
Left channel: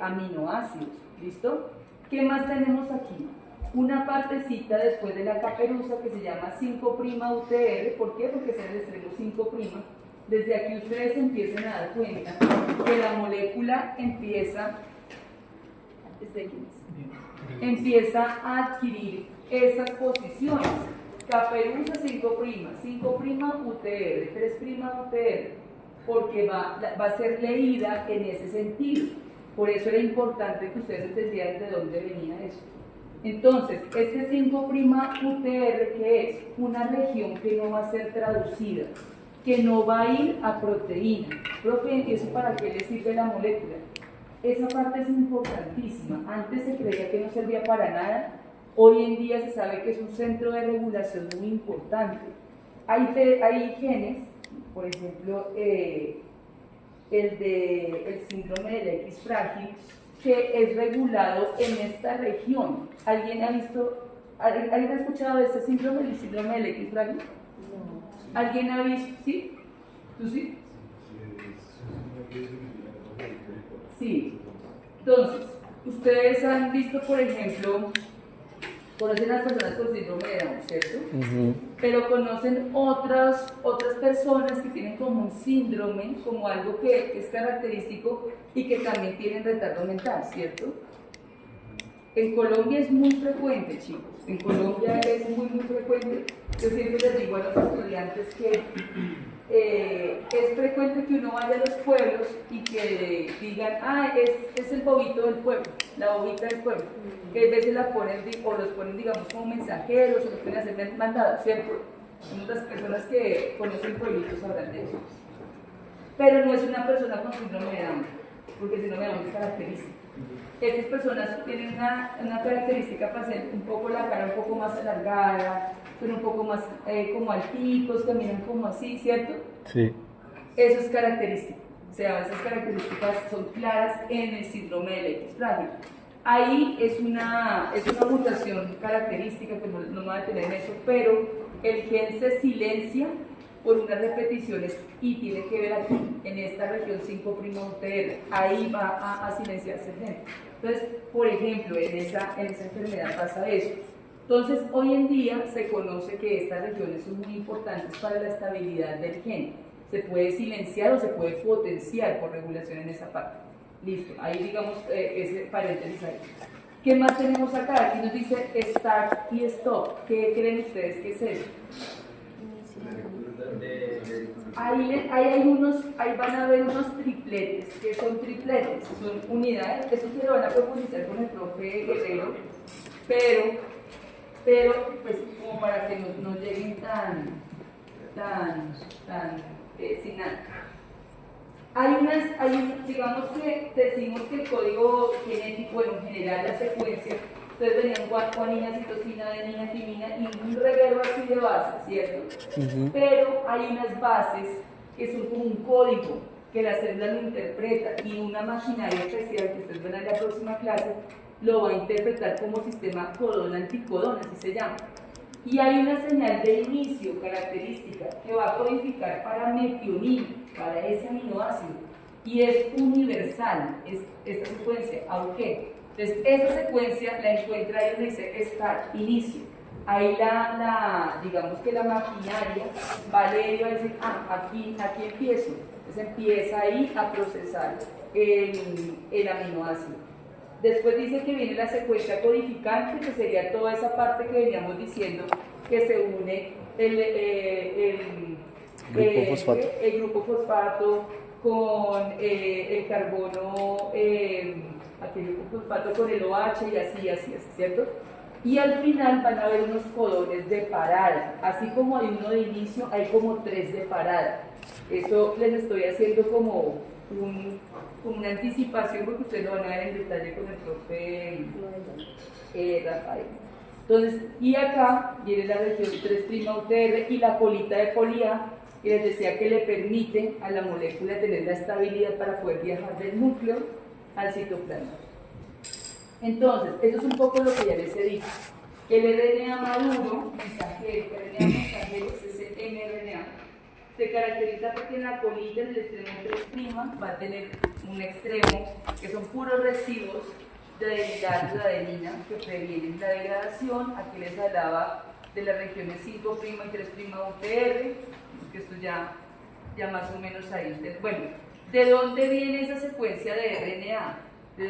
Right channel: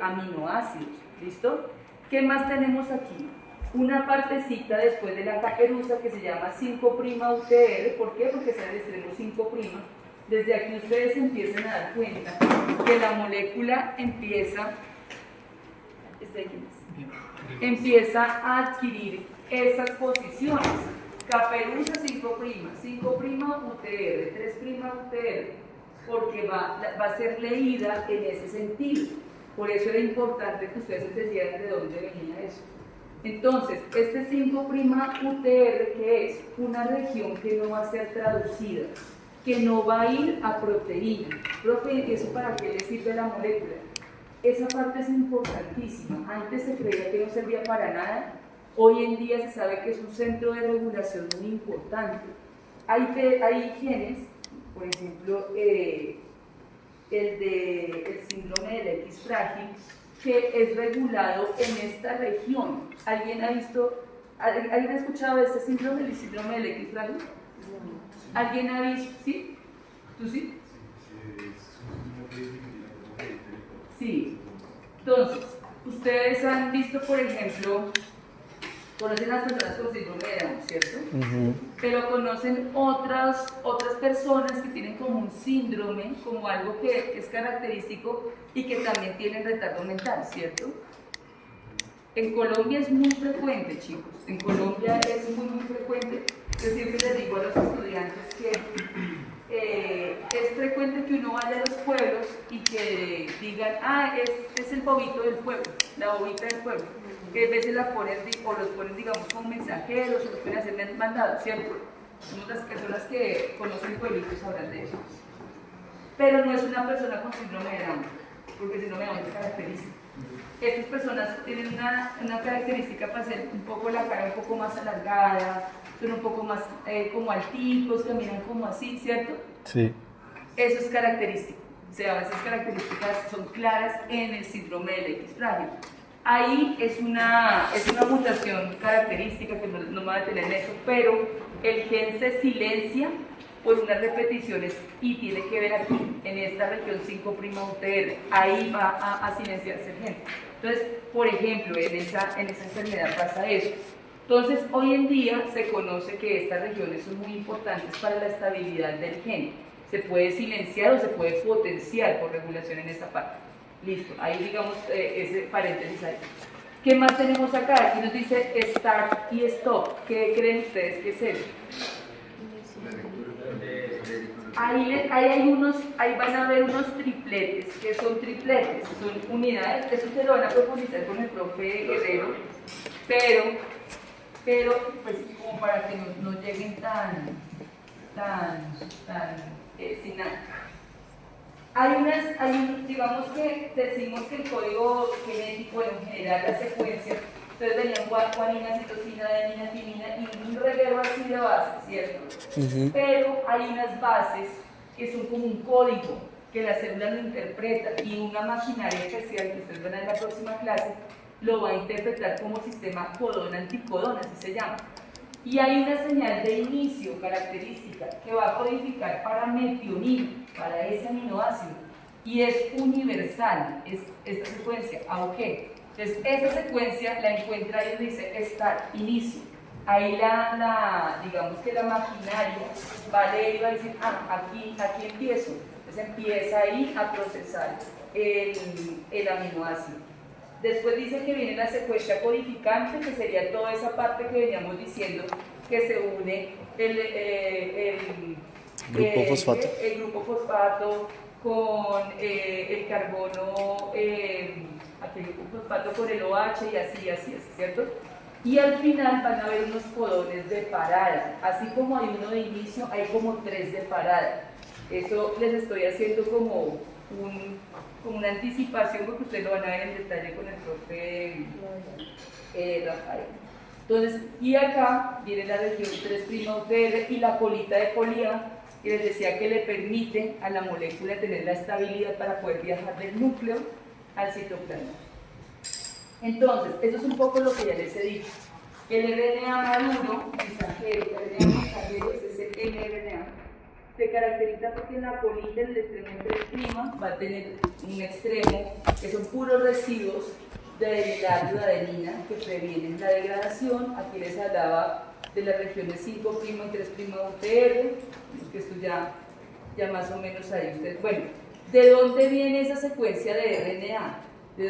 aminoácidos. ¿Listo? ¿Qué más tenemos aquí? Una partecita después de la caperuza que se llama 5' UTR. ¿Por qué? Porque está en el extremo 5'. Desde aquí ustedes empiezan a dar cuenta que la molécula empieza a adquirir esas posiciones. Caperuza 5', 5' UTR, 3' UTR, porque va a ser leída en ese sentido. Por eso era importante que ustedes entendieran de dónde venía eso. Entonces, este 5' UTR, que es una región que no va a ser traducida, que no va a ir a proteína. Profe, ¿y eso para qué le sirve la molécula? Esa parte es importantísima. Antes se creía que no servía para nada. Hoy en día se sabe que es un centro de regulación muy importante. Hay genes, por ejemplo, el síndrome del X frágil, que es regulado en esta región. ¿Alguien ha escuchado de este síndrome, el síndrome del X frágil? ¿Alguien ha visto? ¿Sí? ¿Tú sí? Sí. Entonces, ustedes han visto, por ejemplo, conocen a las personas con síndrome de Down, ¿cierto? Pero conocen otras personas que tienen como un síndrome, como algo que es característico y que también tienen retardo mental, ¿cierto? En Colombia es muy frecuente, chicos. En Colombia es muy frecuente. Yo siempre les digo a los estudiantes que es frecuente que uno vaya a los pueblos y que digan, es el bobito del pueblo, la bobita del pueblo. Que a veces la ponen, o los ponen, digamos, como mensajeros, o los pueden hacer mandados, ¿cierto? Muchas personas que conocen pueblitos sabrán de eso. Pero no es una persona con síndrome de Down, porque el síndrome de Down es característico. Estas personas tienen una característica para hacer un poco la cara un poco más alargada, son un poco más como alticos, caminan como así, ¿cierto? Sí. Eso es característico. O sea, esas características son claras en el síndrome del X frágil. Ahí es una mutación característica que no me va a tener en eso, pero el gen se silencia por unas repeticiones y tiene que ver aquí, en esta región 5' UTR. Ahí va a silenciarse el gen. Entonces, por ejemplo, en esa enfermedad pasa eso. Entonces, hoy en día se conoce que estas regiones son muy importantes para la estabilidad del gen. Se puede silenciar o se puede potenciar por regulación en esa parte. Listo, ahí digamos ese paréntesis ahí. ¿Qué más tenemos acá? Aquí nos dice start y stop. ¿Qué creen ustedes que es eso? Ahí van a ver unos tripletes. ¿Qué son tripletes? Son unidades, eso se lo van a profundizar con el profe Guerrero, pero pues como para que no lleguen tan sin nada. Digamos que decimos que el código genético, bueno, en general la secuencia, ustedes venían guanina, citosina, adenina, timina y un reguero así de bases, ¿cierto? Pero hay unas bases que son como un código que la célula lo interpreta y una maquinaria especial que ustedes verán en la próxima clase lo va a interpretar como sistema codón-anticodón, así se llama. Y hay una señal de inicio característica que va a codificar para metionina, para ese aminoácido, y es universal, es esta secuencia, AUG. Entonces, esa secuencia la encuentra ahí donde dice start, inicio. Ahí digamos que la maquinaria va a leer y va a decir, aquí empiezo. Entonces empieza ahí a procesar el aminoácido. Después dice que viene la secuencia codificante, que sería toda esa parte que veníamos diciendo, que se une el grupo fosfato con el carbono, el grupo fosfato con el OH y así, ¿cierto? Y al final van a haber unos codones de parada. Así como hay uno de inicio, hay como 3 de parada. Eso les estoy haciendo como una anticipación porque ustedes lo van a ver en detalle con el profe Rafael. Entonces, y acá viene la región 3' UTR y la colita de polía, que les decía que le permite a la molécula tener la estabilidad para poder viajar del núcleo al citoplasma. Entonces, eso es un poco lo que ya les he dicho. El RNA maduro, mensajero, el RNA mensajero es ese mRNA, se caracteriza porque en la colita, en el extremo 3' va a tener un extremo que son puros residuos de derivados de adenina que previenen la degradación. Aquí les hablaba de las regiones 5' y 3' UTR, que esto ya más o menos ahí. Bueno, ¿de dónde viene esa secuencia de RNA? ¿De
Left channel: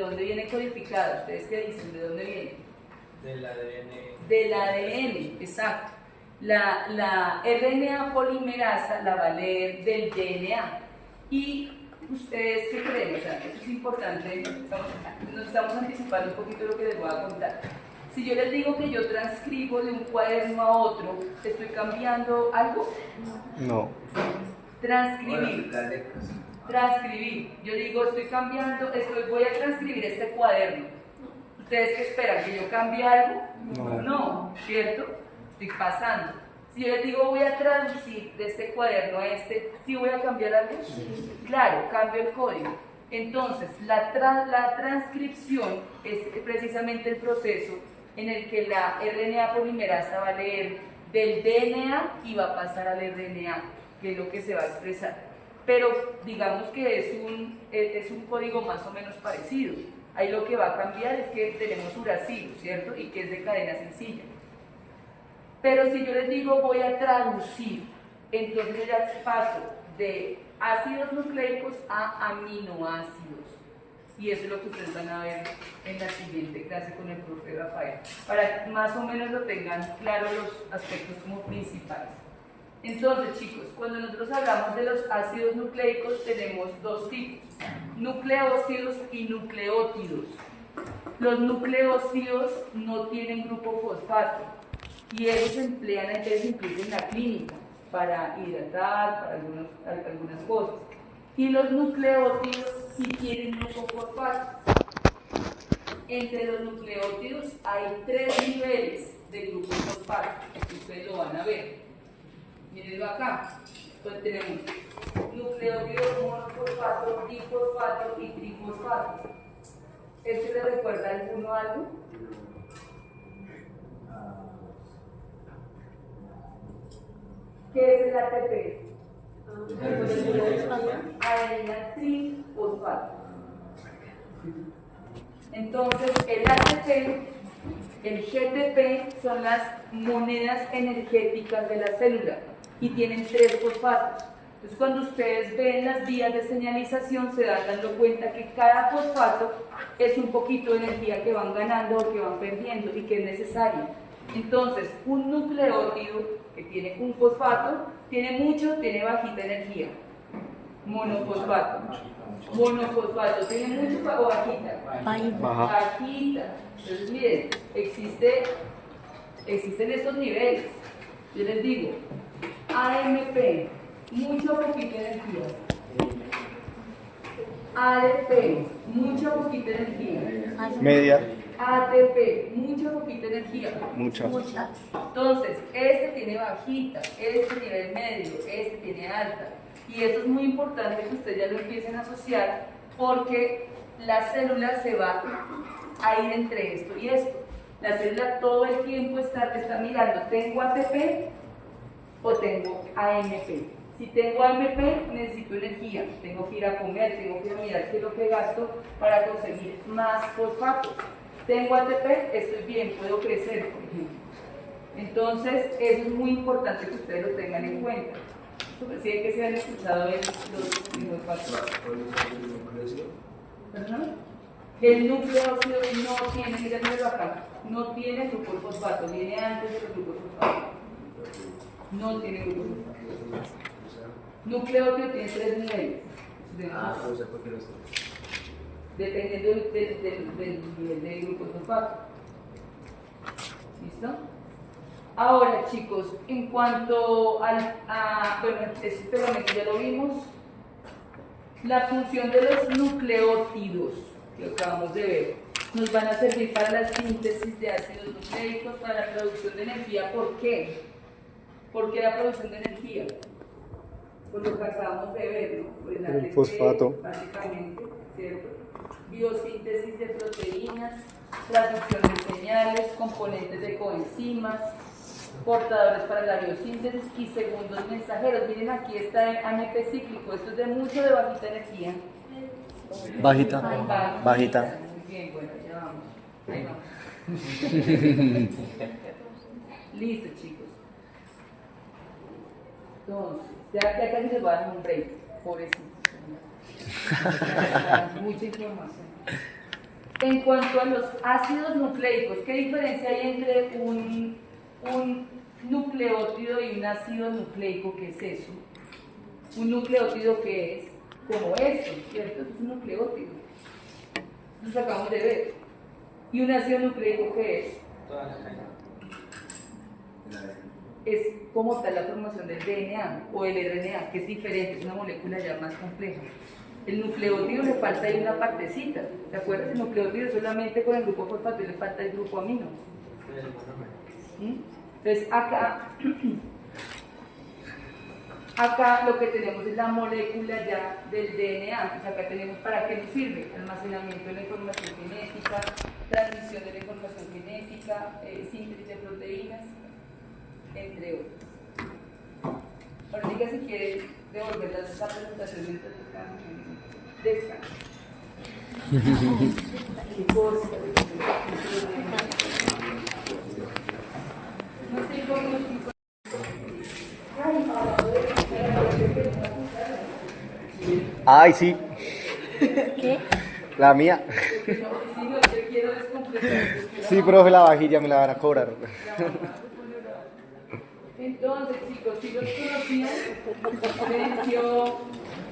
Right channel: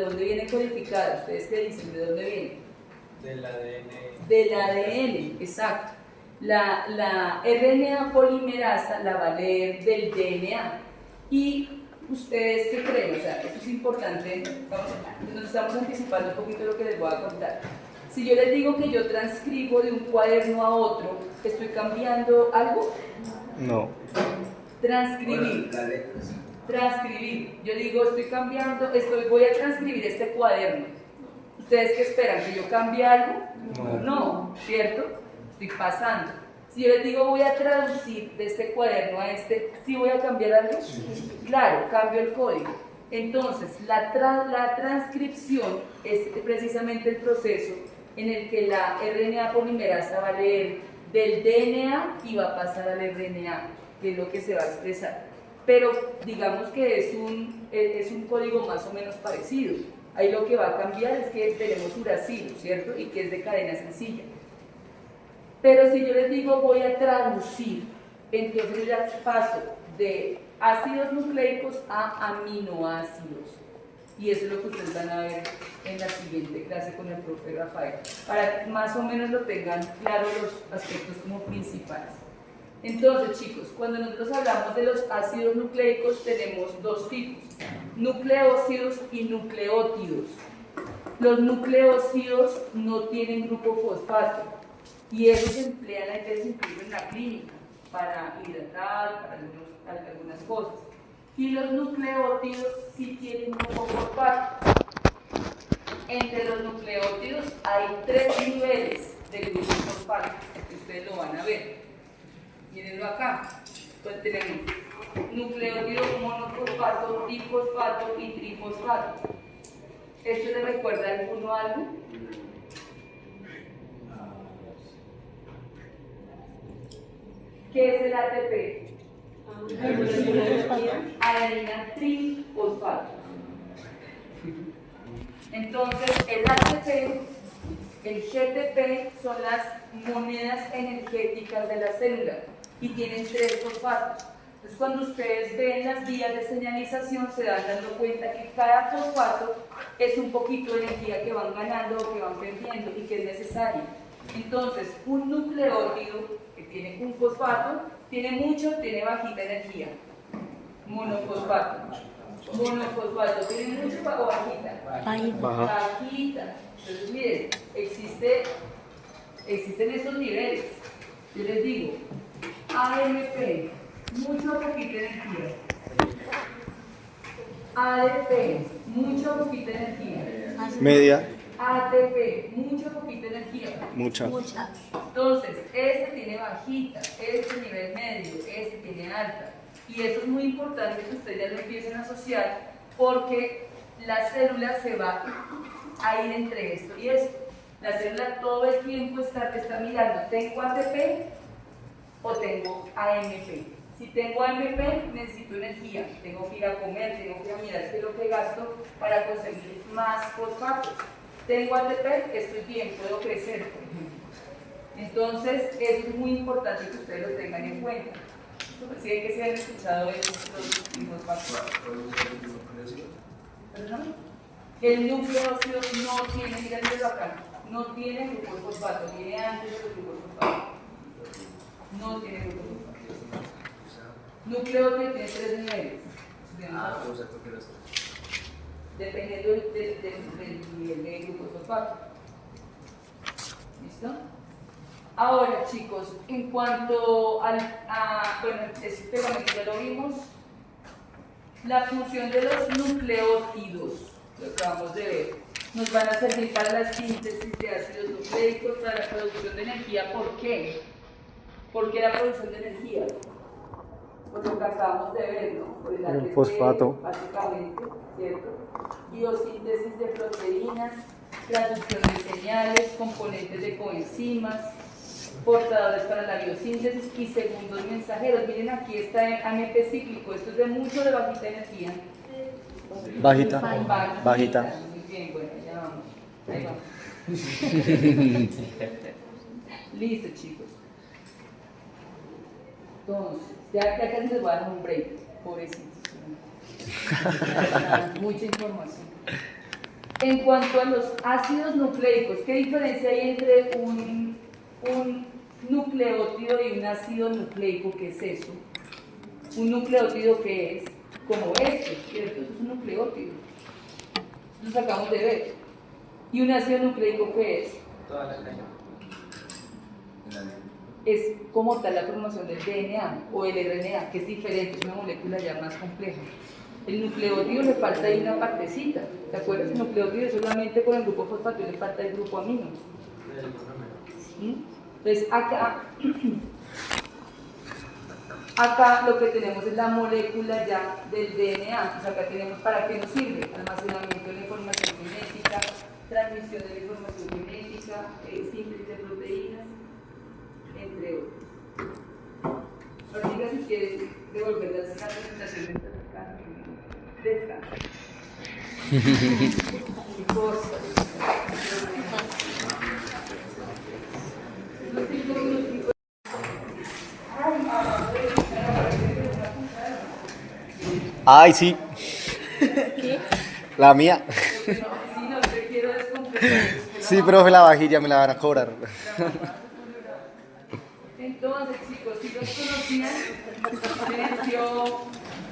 dónde viene codificada? ¿Ustedes qué dicen? ¿De dónde viene? Del ADN. Del ADN, exacto. La RNA polimerasa la va a leer del DNA. ¿Y ustedes qué creen? O sea, esto es importante, nos estamos anticipando un poquito lo que les voy a contar. Si yo les digo que yo transcribo de un cuaderno a otro, ¿estoy cambiando algo? No. Transcribir. Las letras. Transcribir. Yo digo, voy a transcribir este cuaderno. ¿Ustedes qué esperan? ¿Que yo cambie algo? No, ¿cierto? Estoy pasando. Si yo les digo, voy a traducir de este cuaderno a este, ¿sí voy a cambiar algo? Sí. Claro, cambio el código. Entonces, la transcripción es precisamente el proceso en el que la RNA polimerasa va a leer del DNA y va a pasar al RNA, que es lo que se va a expresar. Pero digamos que es un código más o menos parecido. Ahí lo que va a cambiar es que tenemos uracilo, ¿cierto? Y que es de cadena sencilla. Pero si yo les digo voy a traducir, entonces yo ya paso de ácidos nucleicos a aminoácidos. Y eso es lo que ustedes van a ver en la siguiente clase con el profe Rafael, para que más o menos lo tengan claro los aspectos como principales. Entonces, chicos, cuando nosotros hablamos de los ácidos nucleicos tenemos dos tipos, nucleócidos y nucleótidos. Los nucleócidos no tienen grupo fosfato y ellos se emplean a veces incluso en la clínica para hidratar, para algunas cosas. Y los nucleótidos sí tienen grupo fosfato. Entre los nucleótidos hay 3 niveles de grupo fosfato, que ustedes lo van a ver. Mírenlo acá. Entonces tenemos nucleótido monofosfato, difosfato y trifosfato. ¿Esto le recuerda a alguno algo? ¿Qué es el ATP? Adenina trifosfato. Entonces, el ATP, el GTP son las monedas energéticas de la célula y tienen 3 fosfatos. Entonces, cuando ustedes ven las vías de señalización, se dan dando cuenta que cada fosfato es un poquito de energía que van ganando o que van perdiendo y que es necesaria. Entonces, un nucleótido que tiene un fosfato, tiene mucho, tiene bajita energía. Monofosfato. Monofosfato, ¿tiene mucho o bajita? Bajita. Entonces, miren, existen estos niveles. Yo les digo, AMP, mucho o poquita energía. ADP, mucho o poquita energía. Media. ATP, mucho o poquita energía. Mucha. Entonces, este tiene bajita, este nivel medio, este tiene alta. Y eso es muy importante que ustedes ya lo empiecen a asociar porque la célula se va a ir entre esto y esto. La célula todo el tiempo está mirando, ¿tengo ATP o tengo AMP? Si tengo AMP, necesito energía, tengo que ir a comer, tengo que ir a mirar qué es lo que gasto para conseguir más fosfatos. Tengo ATP, estoy bien, puedo crecer, por ejemplo. Entonces, eso es muy importante que ustedes lo tengan en cuenta. Sí, que se han escuchado los fosfatos. ¿Perdón? El nucleócido no tiene, mírenlo acá, no tiene grupo fosfato, viene antes del grupo fosfato. No tiene grupo fosfato. Nucleótido tiene 3 niveles. Dependiendo del nivel de grupo fosfato. ¿Listo? Ahora, chicos, en cuanto bueno, este pegamento ya lo vimos, la función de los nucleótidos, que acabamos de ver, nos van a servir para la síntesis de ácidos nucleicos, para la producción de energía. ¿Por qué? ¿Por qué la producción de energía? Por lo que acabamos de ver, ¿no? Por el ATP, fosfato. básicamente, ¿cierto? Biosíntesis de proteínas, traducción de señales, componentes de coenzimas, portadores para la biosíntesis y segundos mensajeros. Miren, aquí está AMP cíclico, esto es de bajita energía. Bajita. Bajita. Muy bien, bueno, ya vamos. Ahí vamos. Listo, chicos. Entonces, ya casi les voy a dar un break, pobrecitos. Mucha información. En cuanto a los ácidos nucleicos, ¿qué diferencia hay entre un nucleótido y un ácido nucleico? ¿Qué es eso? Un nucleótido, ¿qué es? Como esto, ¿cierto? Eso es un nucleótido. Lo acabamos de ver. ¿Y un ácido nucleico qué es? Toda la cadena. Es como tal la formación del DNA o el RNA, que es diferente, es una molécula ya más compleja. El nucleótido le falta ahí una partecita, ¿te acuerdas? El nucleótido solamente con el grupo fosfato y le falta el grupo amino. Entonces acá lo que tenemos es la molécula ya del DNA. Entonces acá tenemos para qué nos sirve: almacenamiento de la información genética, transmisión de la información genética, síntesis de proteínas, entre otros. Ahorita, si quieres devolver la presentación descanso. Qué cosas. Ay, sí. ¿Qué? La mía. Si no te quiero descompletar. Sí, profe, la vajilla me la van a cobrar. Entonces, chicos, si los conocían, silencio.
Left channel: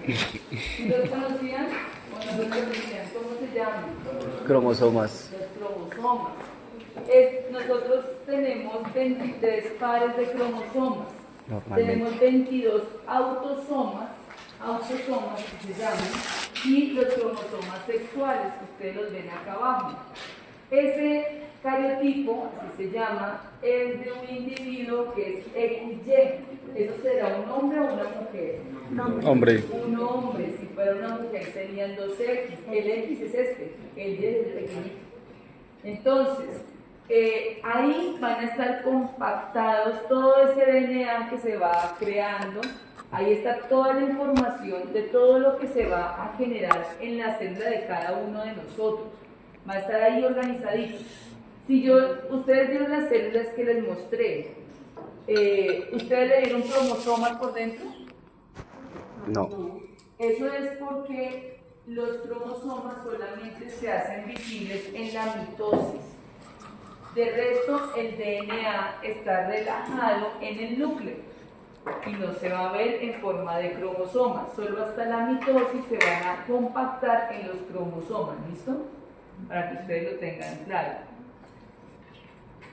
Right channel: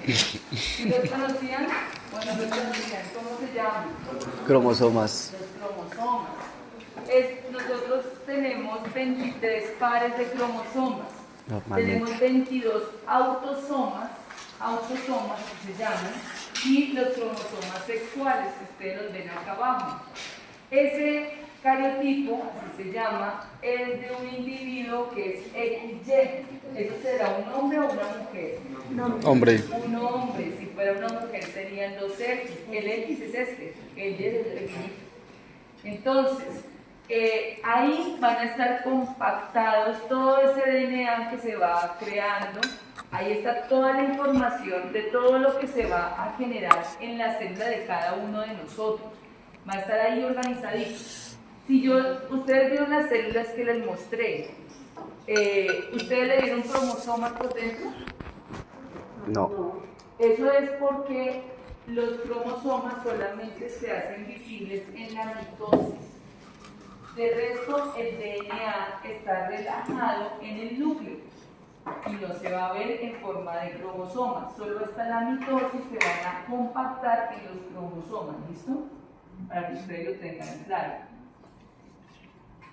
Si los conocían, bueno, los conocían, ¿cómo se llaman? Cromosomas. Los cromosomas. Nosotros tenemos 23 pares de cromosomas. Normalmente. Tenemos 22 autosomas que se llaman, y los cromosomas sexuales, que ustedes los ven acá abajo. Ese cariotipo, así se llama, es de un individuo que es XY. ¿Eso será un hombre o una mujer? Hombre. Un hombre. Si fuera una mujer serían dos X. El X es este, el Y es el pequeñito. Entonces, ahí van a estar compactados todo ese DNA que se va creando. Ahí está toda la información de todo lo que se va a generar en la célula de cada uno de nosotros. Va a estar ahí organizadito. Ustedes vieron las células que les mostré, ¿ustedes le dieron cromosomas por dentro? No. Eso es porque los cromosomas solamente se hacen visibles en la mitosis. De resto, el DNA está relajado en el núcleo y no se va a ver en forma de cromosomas. Solo hasta la mitosis se van a compactar en los cromosomas, ¿listo? Para que ustedes lo tengan claro.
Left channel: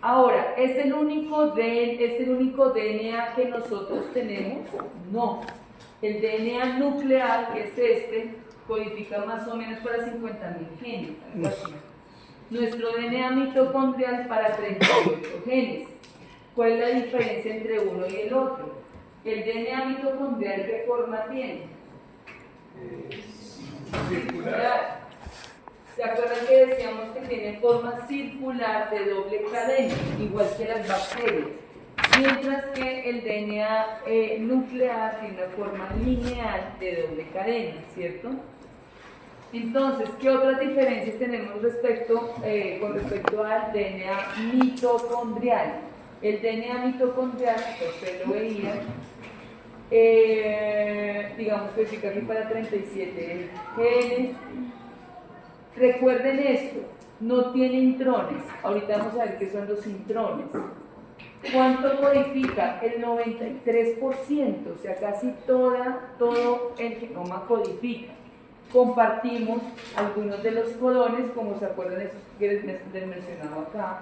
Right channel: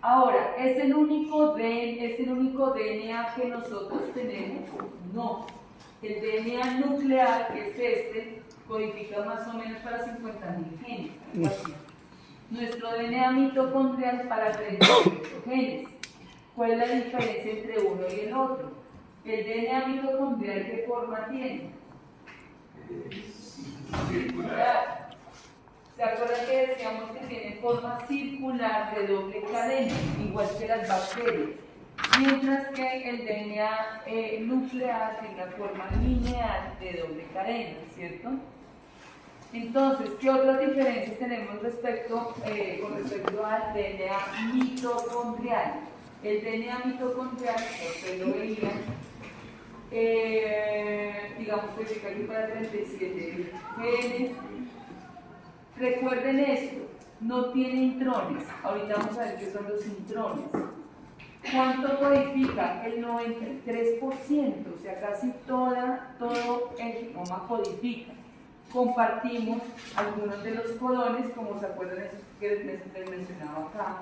Ahora, ¿es el único DNA que nosotros tenemos? No. El DNA nuclear, que es este, codifica más o menos para 50.000 genes. Nuestro DNA mitocondrial para 38 genes. ¿Cuál es la diferencia entre uno y el otro? El DNA mitocondrial, ¿qué forma tiene? Circular. ¿Se acuerdan que decíamos que tiene forma circular de doble cadena, igual que las bacterias? Mientras que el DNA nuclear tiene una forma lineal de doble cadena, ¿cierto? Entonces, ¿qué otras diferencias tenemos con respecto al DNA mitocondrial? El DNA mitocondrial, ustedes lo veían, digamos que fica aquí para 37 genes. Recuerden esto, no tiene intrones. Ahorita vamos a ver qué son los intrones. ¿Cuánto codifica? El 93%, o sea, casi todo el genoma codifica. Compartimos algunos de los codones, como se acuerdan de esos que les mencionaba acá,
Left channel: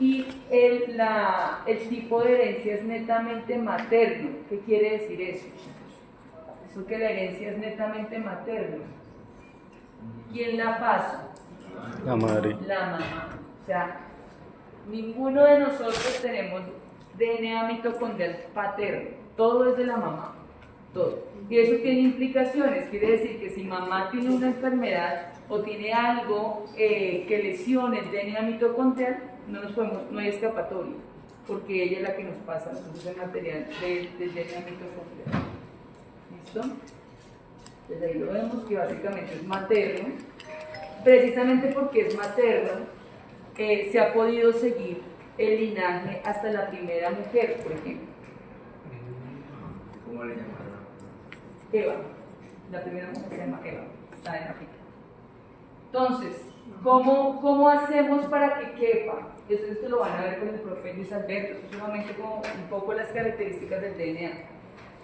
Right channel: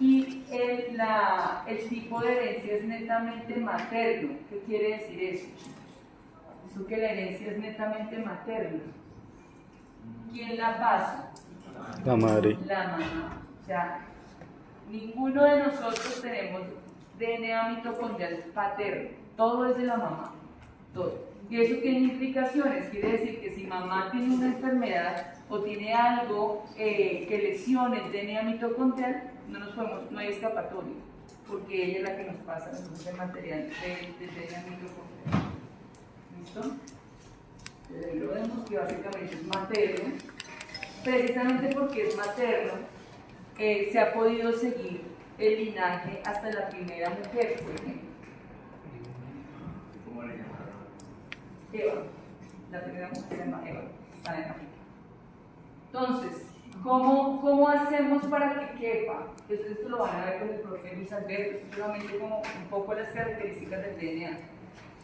Y el tipo de herencia es netamente materno. ¿Qué quiere decir eso, chicos? Eso que la herencia es netamente materno. ¿Quién la pasa? La madre. La mamá. O sea, ninguno de nosotros tenemos DNA mitocondrial paterno. Todo es de la mamá. Todo. Y eso tiene implicaciones. Quiere decir que si mamá tiene una enfermedad o tiene algo que lesione el DNA mitocondrial, no hay escapatoria, porque ella es la que nos pasa a nosotros el material del DNA mitocondrial. ¿Listo? Entonces ahí lo vemos que básicamente es materno. Precisamente porque es materno, se ha podido seguir el linaje hasta la primera mujer, por ejemplo. ¿Cómo le llamaron? Eva. La primera mujer se llama Eva. Está en África. Entonces, ¿cómo hacemos para que quepa? Esto lo van a ver con el profe Luis Alberto, solamente como un poco las características del DNA.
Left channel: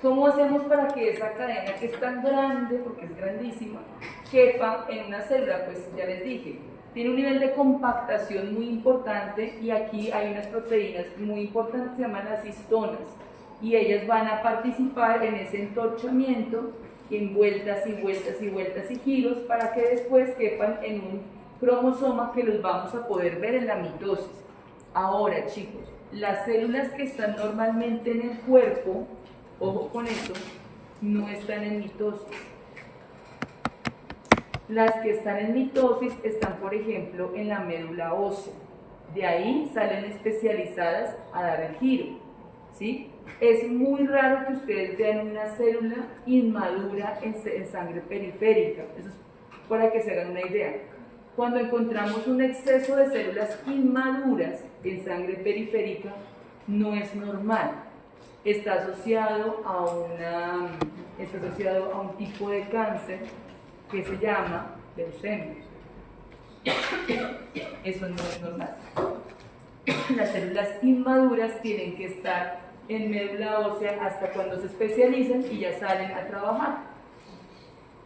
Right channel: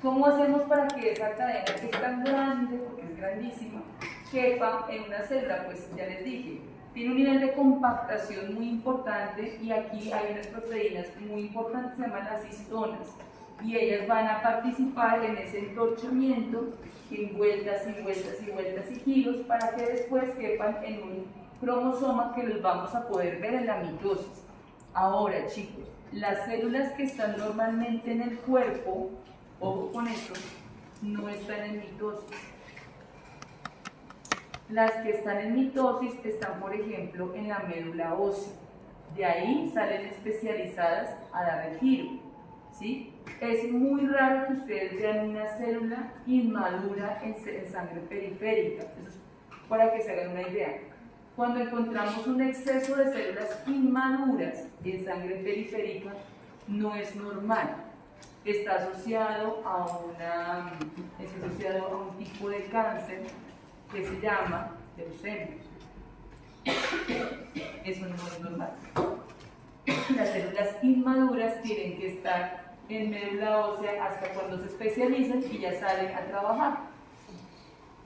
¿Cómo hacemos para que esa cadena, que es tan grande, porque es grandísima, quepa en una célula? Pues ya les dije, tiene un nivel de compactación muy importante y aquí hay unas proteínas muy importantes que se llaman las histonas y ellas van a participar en ese entorchamiento en vueltas y vueltas y vueltas y giros para que después quepan en un cromosoma que los vamos a poder ver en la mitosis. Ahora, chicos, las células que están normalmente en el cuerpo, ojo con esto, no están en mitosis. Las que están en mitosis están, por ejemplo, en la médula ósea. De ahí salen especializadas a dar el giro, ¿sí? Es muy raro que ustedes vean una célula inmadura en sangre periférica. Eso es para que se hagan una idea. Cuando encontramos un exceso de células inmaduras en sangre periférica, no es normal. Está asociado a un tipo de cáncer que se llama leucemia. Eso no es normal. Las células inmaduras tienen que estar en médula ósea hasta cuando se especializan y ya salen a trabajar.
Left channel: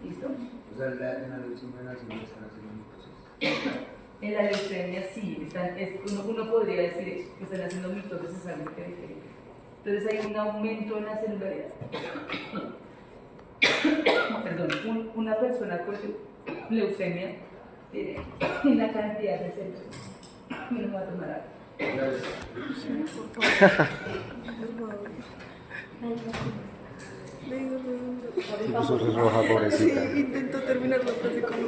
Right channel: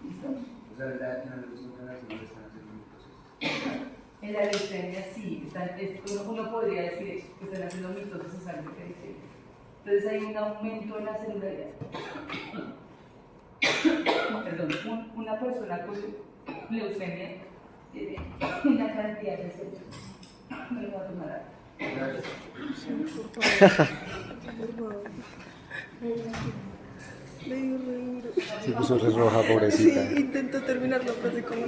¿Listo? O sea, en la leucemia las células están haciendo mitosis. En la leucemia sí, uno podría decir eso, que están haciendo mitosis en sangre periférica. Entonces hay un aumento en la celularidad. Perdón, una persona con leucemia tiene una cantidad de células. Me lo voy a tomar ahora. Se puso re roja, pobrecita. Sí, intento terminarlo así como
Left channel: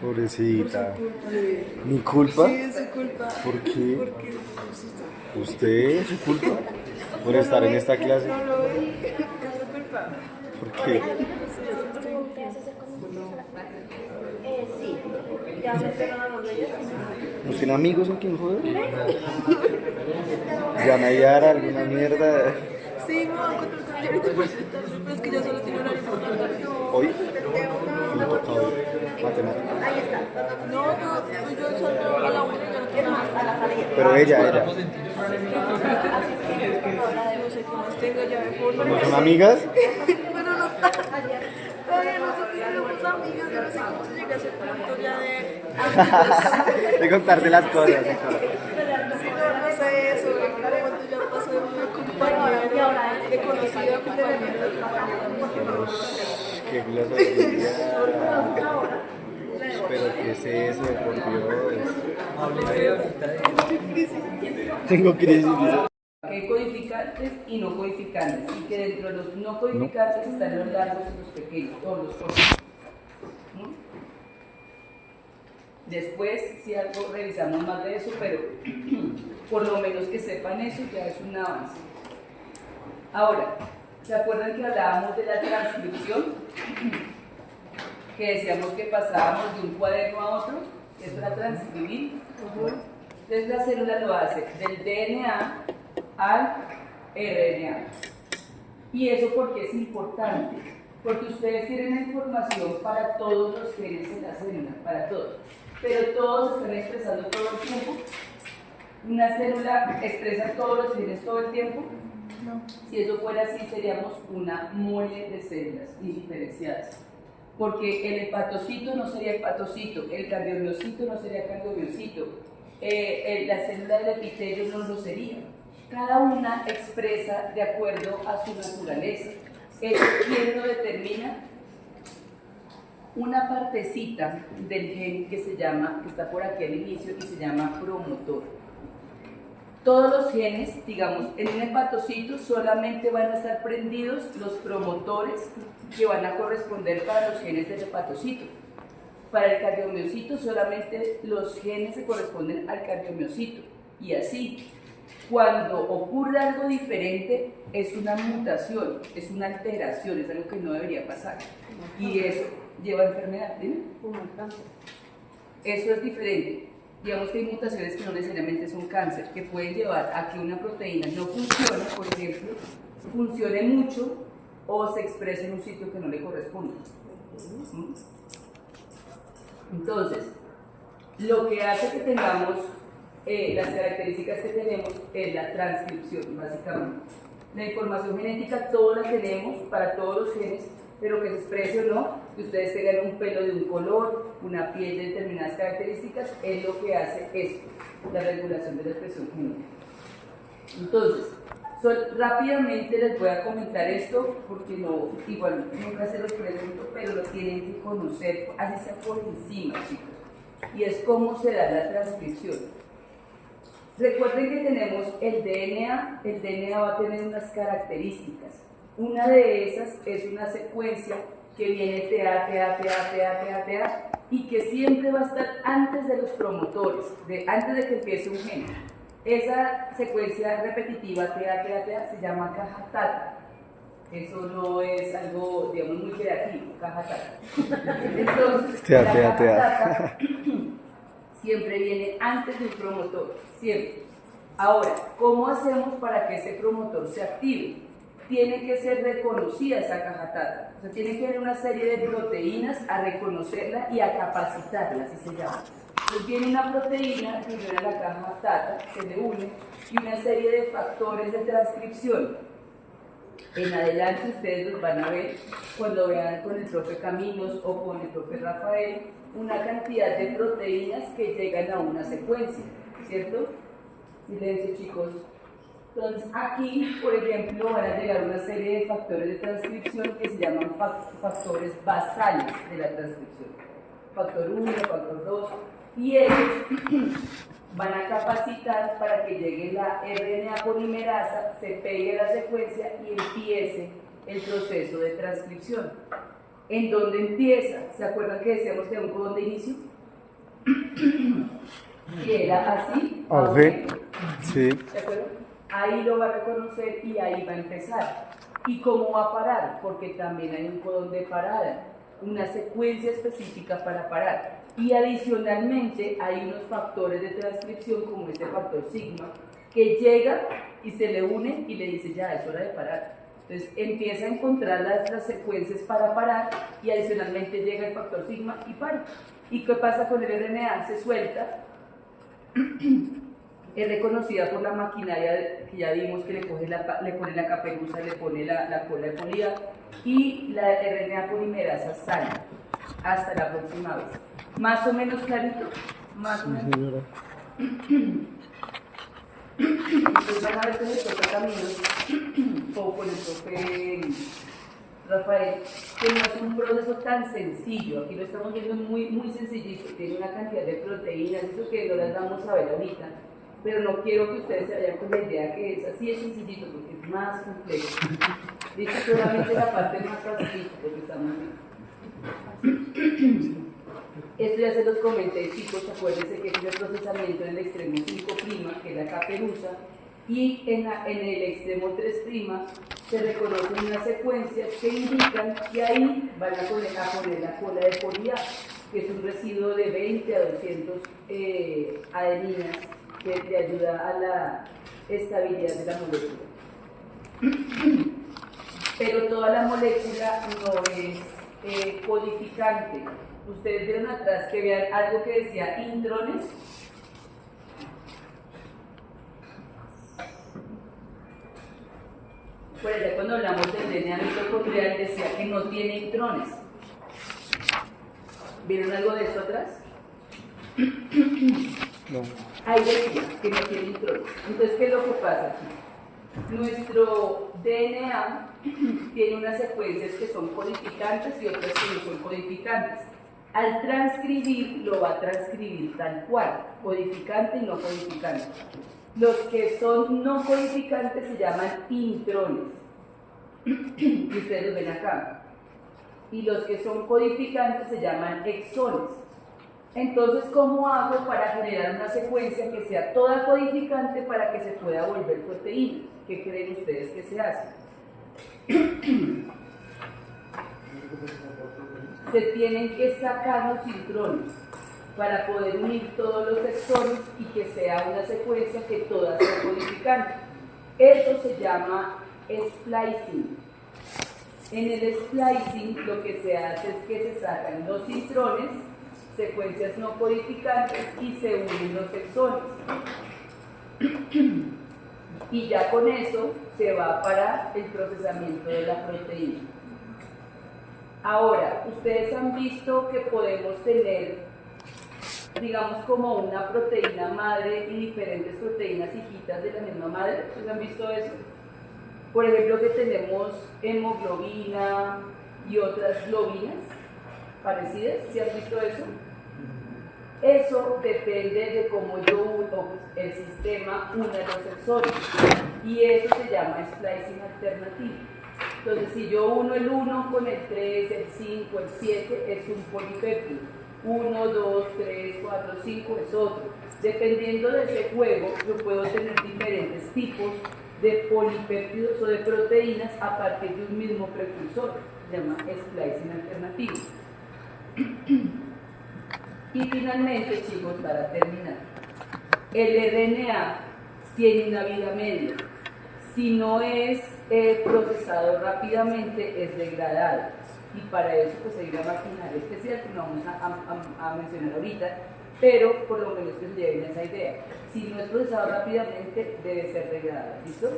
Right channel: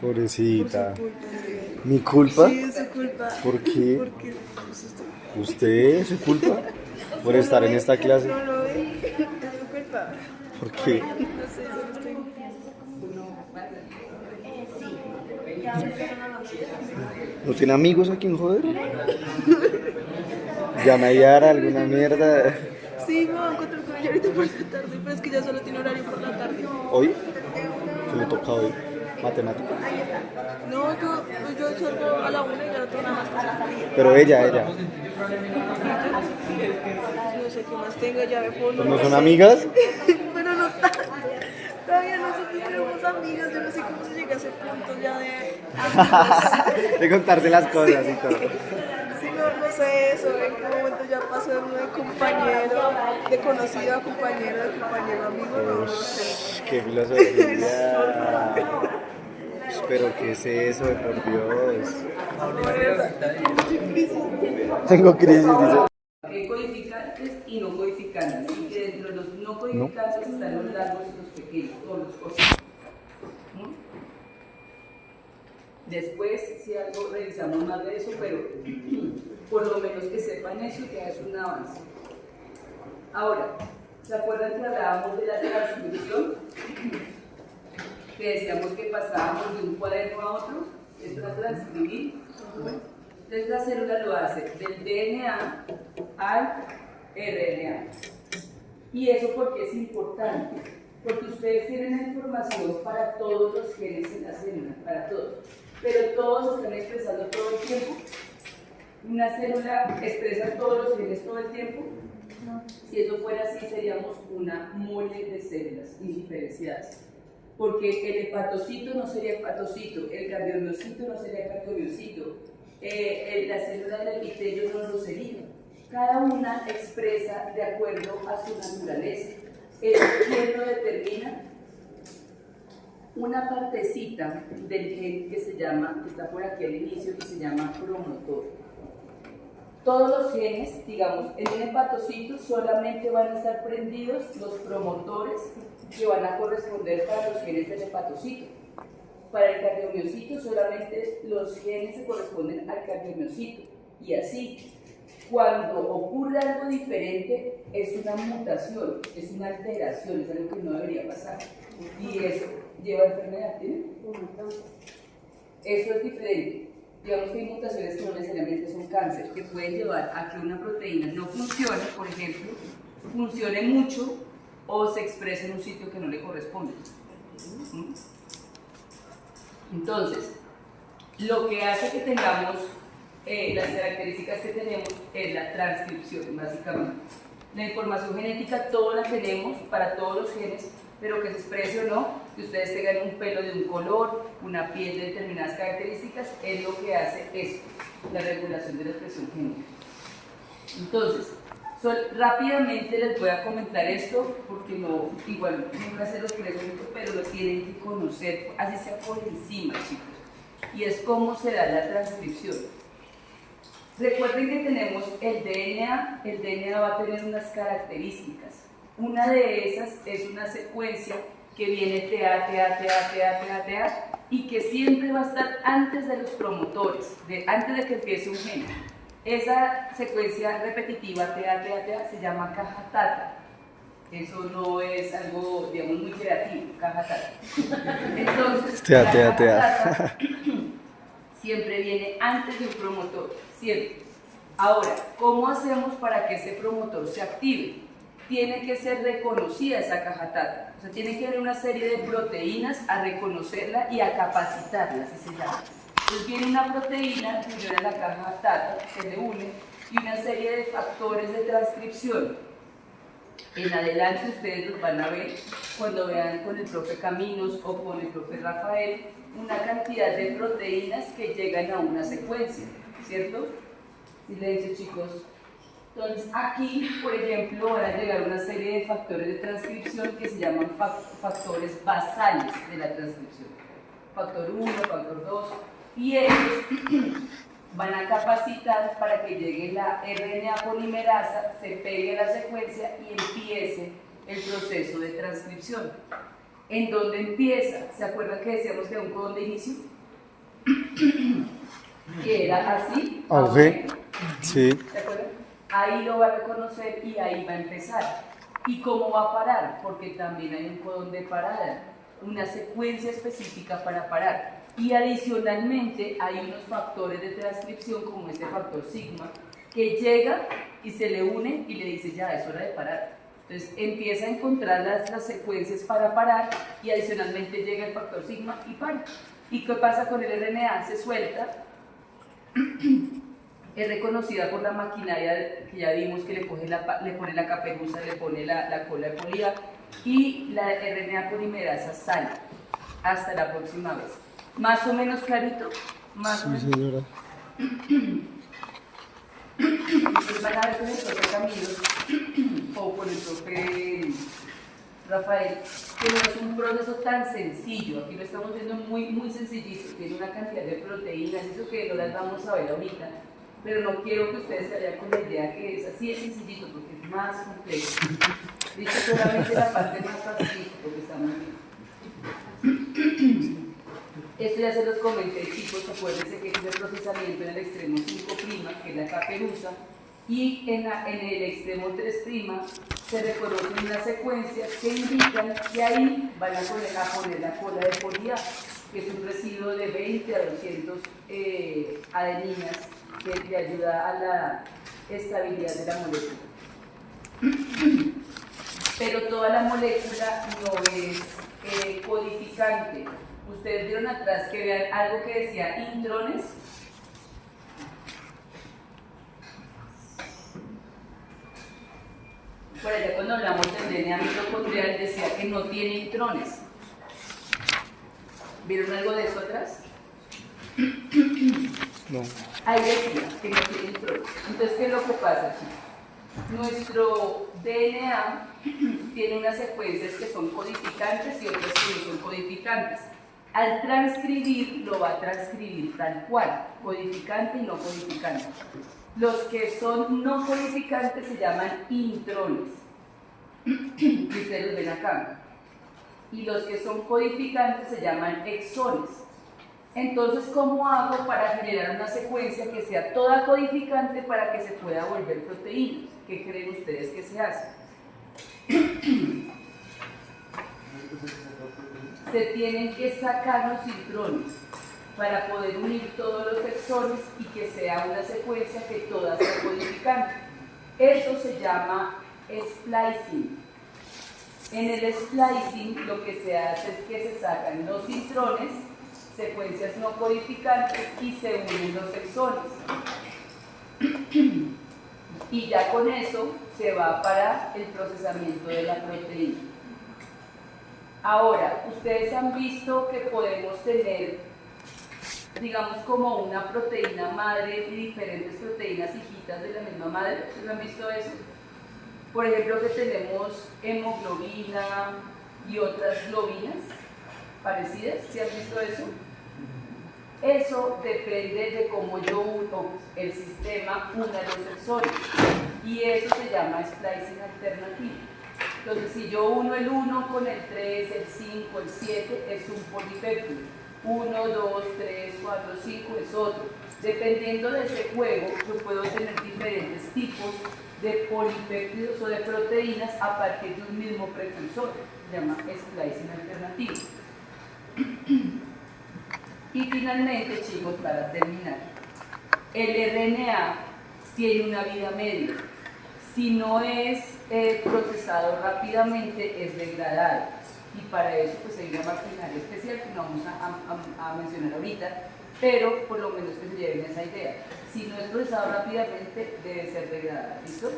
Pobrecita. por su culpa. ¿Mi culpa? Sí, es su culpa. ¿Por qué? Porque ¿Usted? ¿Su culpa? ¿Por estar en esta clase? no lo ve, es su culpa. ¿Por qué? ¿No tiene amigos aquí en joder? ¿Ganayara alguna mierda? Sí, me voy a encontrar con ella ahorita por la tarde, pero es que ya solo tiene horario por la tarde. ¿Hoy? ¿Qué me toca hoy? Matemáticas. No, yo salgo a la 1 y ya no tengo nada. Pero ella. No sé qué más tengo ya de fondo. ¿No son amigas? Pero no todavía no somos amigas, yo no sé cómo se llega a ese punto ya de... De contarte las cosas y todo. Sí, no sé eso, de pronto ya pasó de compañero, de conocido a compañero, de compañero a amigo. ¡Qué filosofía! Pero ¿qué es eso, por Dios? Tengo crisis, dice. Codificantes y no codificantes, y que dentro de los no codificantes están los largos y los pequeños, todos los cortos. ¿No? Después, si algo revisamos más de eso, pero por lo menos que sepan eso ya es un avance. Ahora, ¿se acuerdan que hablábamos de la transcripción? Que decíamos que pasábamos de un cuaderno a otro, es para transcribir. Entonces la célula lo hace del DNA al RNA. ¿Y eso por qué es importante? Porque ustedes tienen la información para todos los genes en la célula, para todos. Pero todos están expresando todo el tiempo. ¿Una célula expresa todos los genes todo el tiempo? No. Si eso fuera así, seríamos una mole de células indiferenciadas. Porque el hepatocito no sería hepatocito, el cardiomiocito no sería cardiomiocito, la célula del epitelio no lo sería. Cada una expresa de acuerdo a su naturaleza. ¿Quién lo determina? Una partecita del gen que está por aquí al inicio y se llama promotor. Todos los genes, digamos, en un hepatocito solamente van a estar prendidos los promotores que van a corresponder para los genes del hepatocito. Para el cardiomiocito solamente los genes se corresponden al cardiomiocito. Y así, cuando ocurre algo diferente, es una mutación, es una alteración, es algo que no debería pasar. Y eso lleva a enfermedad, ¿sí? Eso es diferente. Digamos que hay mutaciones que no necesariamente son cáncer, que pueden llevar a que una proteína no funcione, por ejemplo, funcione mucho o se exprese en un sitio que no le corresponde. Entonces, lo que hace que tengamos las características que tenemos es la transcripción, básicamente. La información genética todos la tenemos para todos los genes, pero que se exprese o no, que ustedes tengan un pelo de un color, una piel de determinadas características, es lo que hace esto, la regulación de la expresión genética. Entonces, rápidamente les voy a comentar esto, porque igual nunca se los pregunto, pero lo tienen que conocer, así sea por encima, chicos, y es cómo se da la transcripción. Recuerden que tenemos el DNA va a tener unas características. Una de esas es una secuencia que viene TA, y que siempre va a estar antes de los promotores, antes de que empiece un gen. Esa secuencia repetitiva TA se llama caja tata. Eso no es algo, digamos, muy creativo, caja tata. Entonces, la caja tata siempre viene antes de un promotor, siempre. Ahora, ¿cómo hacemos para que ese promotor se active? Tiene que ser reconocida esa caja tata. O sea, tiene que haber una serie de proteínas a reconocerla y a capacitarla, así se llama. Entonces viene una proteína que viene a la caja tata, se le une, y una serie de factores de transcripción. En adelante ustedes los van a ver cuando vean con el profe Caminos o con el profe Rafael una cantidad de proteínas que llegan a una secuencia, ¿cierto? Silencio, chicos. Entonces aquí, por ejemplo, van a llegar una serie de factores de transcripción que se llaman factores basales de la transcripción. Factor 1, factor 2, y ellos van a capacitar para que llegue la RNA polimerasa, se pegue a la secuencia y empiece el proceso de transcripción. ¿En dónde empieza? ¿Se acuerdan que decíamos que era un codón de inicio? Que era así. Okay. Sí. ¿Se acuerdan? Ahí lo va a reconocer y ahí va a empezar. ¿Y cómo va a parar? Porque también hay un codón de parada, una secuencia específica para parar. Y adicionalmente hay unos factores de transcripción como este factor sigma que llega y se le une y le dice ya es hora de parar. Entonces empieza a encontrar las secuencias para parar y adicionalmente llega el factor sigma y para. ¿Y qué pasa con el RNA? Se suelta, es reconocida por la maquinaria que ya vimos que le pone la caperuza, le pone la cola de polía y la RNA polimerasa sale. Hasta la próxima vez. ¿Más o menos clarito? Más o menos. Sí, señora. Ustedes van a ver con el profe Camilo o con el profe Rafael, que no es un proceso tan sencillo. Aquí lo estamos viendo muy, muy sencillito. Tiene una cantidad de proteínas, eso que no las vamos a ver ahorita. Pero no quiero que ustedes se vayan con la idea que es así de sencillito, porque es más complejo. Dice solamente la parte más fácil, porque estamos bien. Esto ya se los comenté, chicos, acuérdense que es el procesamiento en el extremo 5', que es la caperuza, y en el extremo 3' se reconocen unas secuencias que indican que ahí van a poner la cola de polía, que es un residuo de 20 a 200 adeninas que le ayuda a la estabilidad de la molécula. Pero toda la molécula no es codificante. Ustedes vieron atrás que vean algo que decía intrones. Por allá cuando hablamos del DNA mitocondrial decía que no tiene intrones. ¿Vieron algo de eso atrás? No. Ahí decía que no tiene intrones. Entonces, ¿qué es lo que pasa aquí? Nuestro DNA tiene unas secuencias que son codificantes y otras que no son codificantes. Al transcribir, lo va a transcribir tal cual, codificante y no codificante. Los que son no codificantes se llaman intrones, y ustedes los ven acá. Y los que son codificantes se llaman exones. Entonces, ¿cómo hago para generar una secuencia que sea toda codificante para que se pueda volver proteína? ¿Qué creen ustedes que se hace? Se tienen que sacar los intrones para poder unir todos los exones y que sea una secuencia que toda sea codificante. Eso se llama splicing. En el splicing lo que se hace es que se sacan los intrones, secuencias no codificantes, y se unen los exones. Y ya con eso se va para el procesamiento de la proteína. Ahora, ustedes han visto que podemos tener, digamos, como una proteína madre y diferentes proteínas hijitas de la misma madre. ¿Ustedes han visto eso? Por ejemplo, que tenemos hemoglobina y otras globinas parecidas. ¿Sí han visto eso? Eso depende de cómo yo uno, el sistema una los exones, y eso se llama splicing alternativo. Entonces, si yo uno el 1 con el 3, el 5, el 7, es un polipéptido. 1, 2, 3, 4, 5 es otro. Dependiendo de ese juego, yo puedo tener diferentes tipos de polipéptidos o de proteínas a partir de un mismo precursor. Se llama splicing alternativo. Y finalmente, chicos, para terminar, el RNA tiene una vida media. Si no es procesado rápidamente, es degradado. Y para eso pues hay una maquinaria especial que no vamos a mencionar ahorita, pero por lo menos que se lleven esa idea. Si no es procesado rápidamente, debe ser degradado. ¿Listo?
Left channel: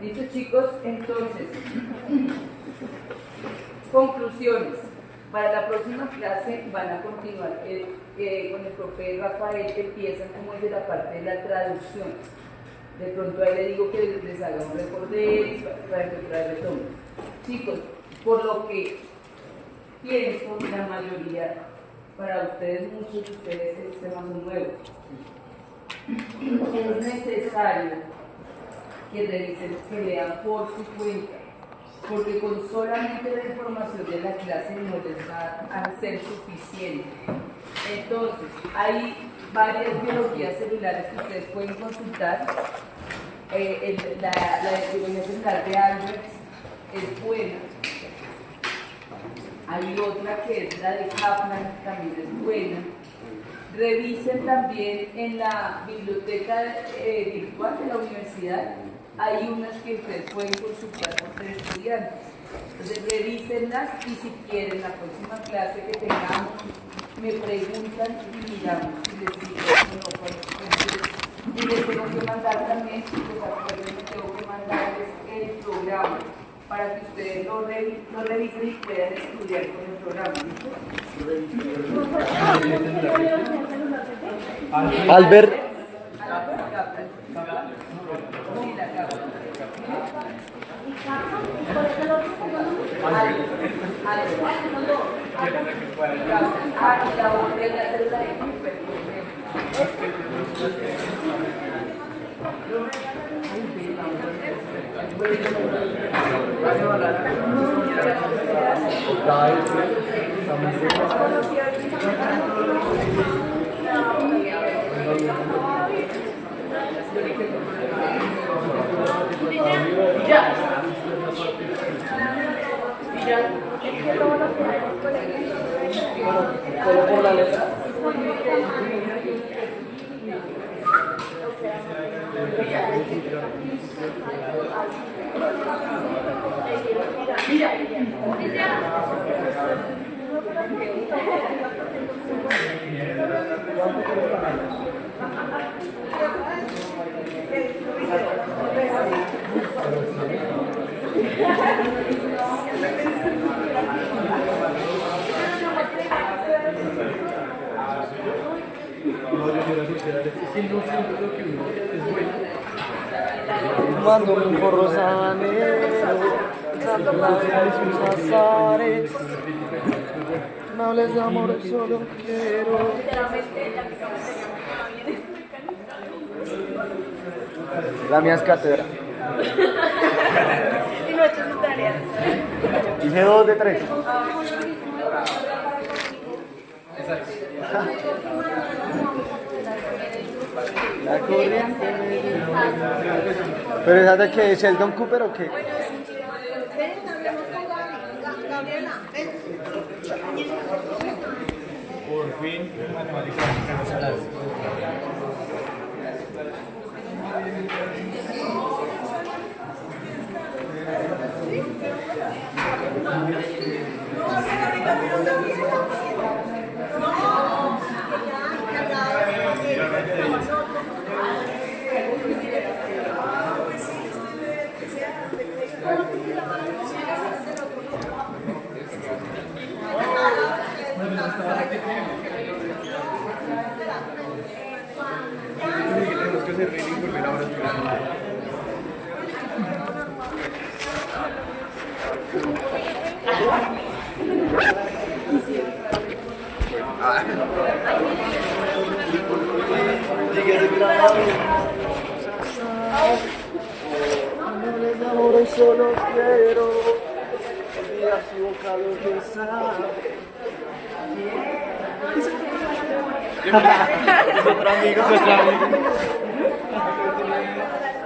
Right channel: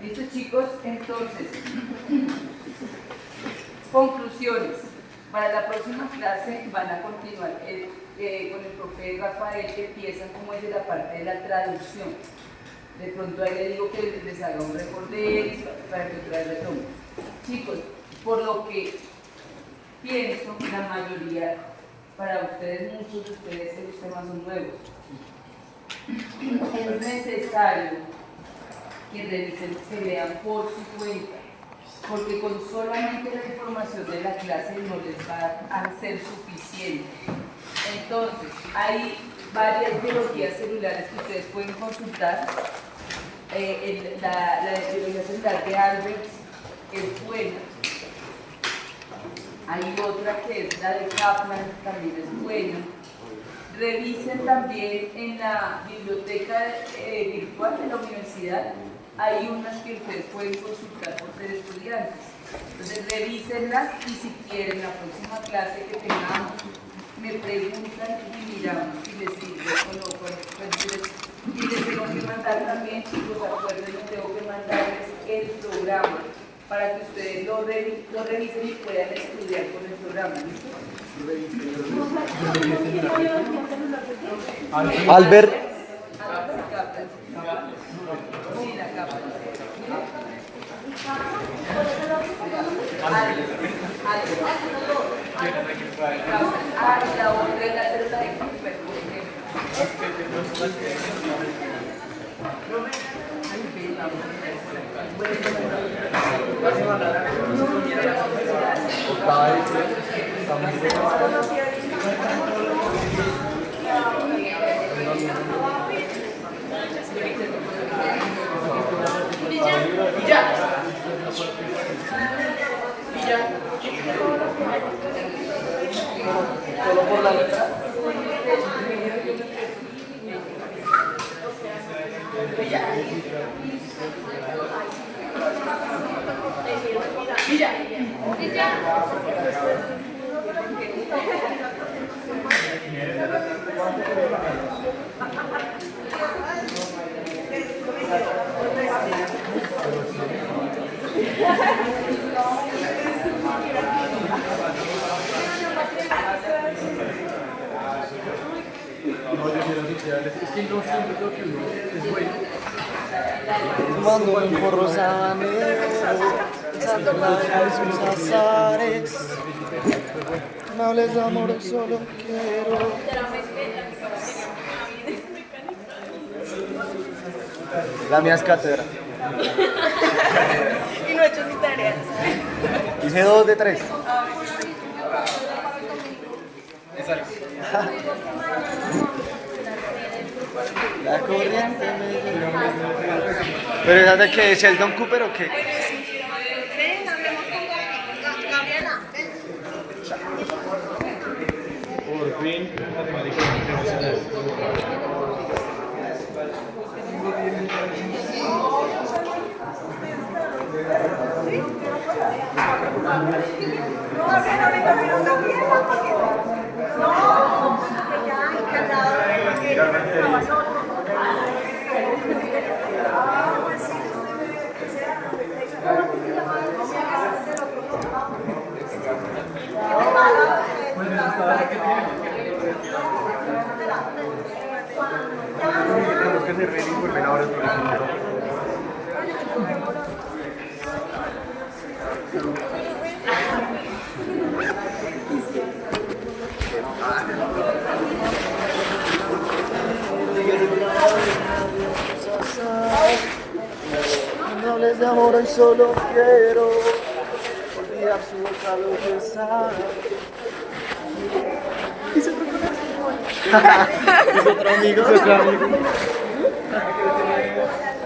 ¿Listo, chicos? Entonces, conclusiones. Para la próxima clase van a continuar con el profe Rafael, que empiezan como es de la parte de la traducción. De pronto ahí le digo que les haga un recorder para que otra vez retomen. Chicos, por lo que pienso, la mayoría, para ustedes, muchos de ustedes, los temas son nuevos. Es necesario que revisen, que lean por su cuenta, porque con solamente la información de la clase no les va a ser suficiente. Entonces, hay varias biologías celulares que ustedes pueden consultar. La biología celular de Albert es buena. Hay otra que es la de Kaplan, también es buena. Revisen también en la biblioteca virtual de la universidad. Hay unas que ustedes pueden consultar por ser estudiantes. Entonces, revísenlas y si quieren la próxima clase que tengamos, me preguntan y miramos si les sirve o no. Y les tengo que mandar también, chicos, acuérdense, tengo que mandarles el programa para que ustedes lo revisen y puedan estudiar con el programa. ¿Listo? Albert. Sí, la capa. La otra es la célula de Solo por la letra. No, yo quiero sociales. Es que no sé lo que uno es bueno. Fumando un porro sabanero, echando la de sus azares. No hables de amor, solo quiero. La mía es cátedra. Y no he hecho mi tarea. Hice 2 de 3. La corriente me... ¿Pero esa de qué? ¿Sheldon Cooper o qué? Ven, hablemos con Gabriela. Por fin, matemáticamente No va a ser ahorita, pero no quiero porque... No, que ya encargado porque estaba solo. Ah, pues sí, usted que sea Tenemos que hacer ready y volver ahora al programa. No hables de amor, hoy solo quiero olvidar su boca lo besar. Es otro amigo.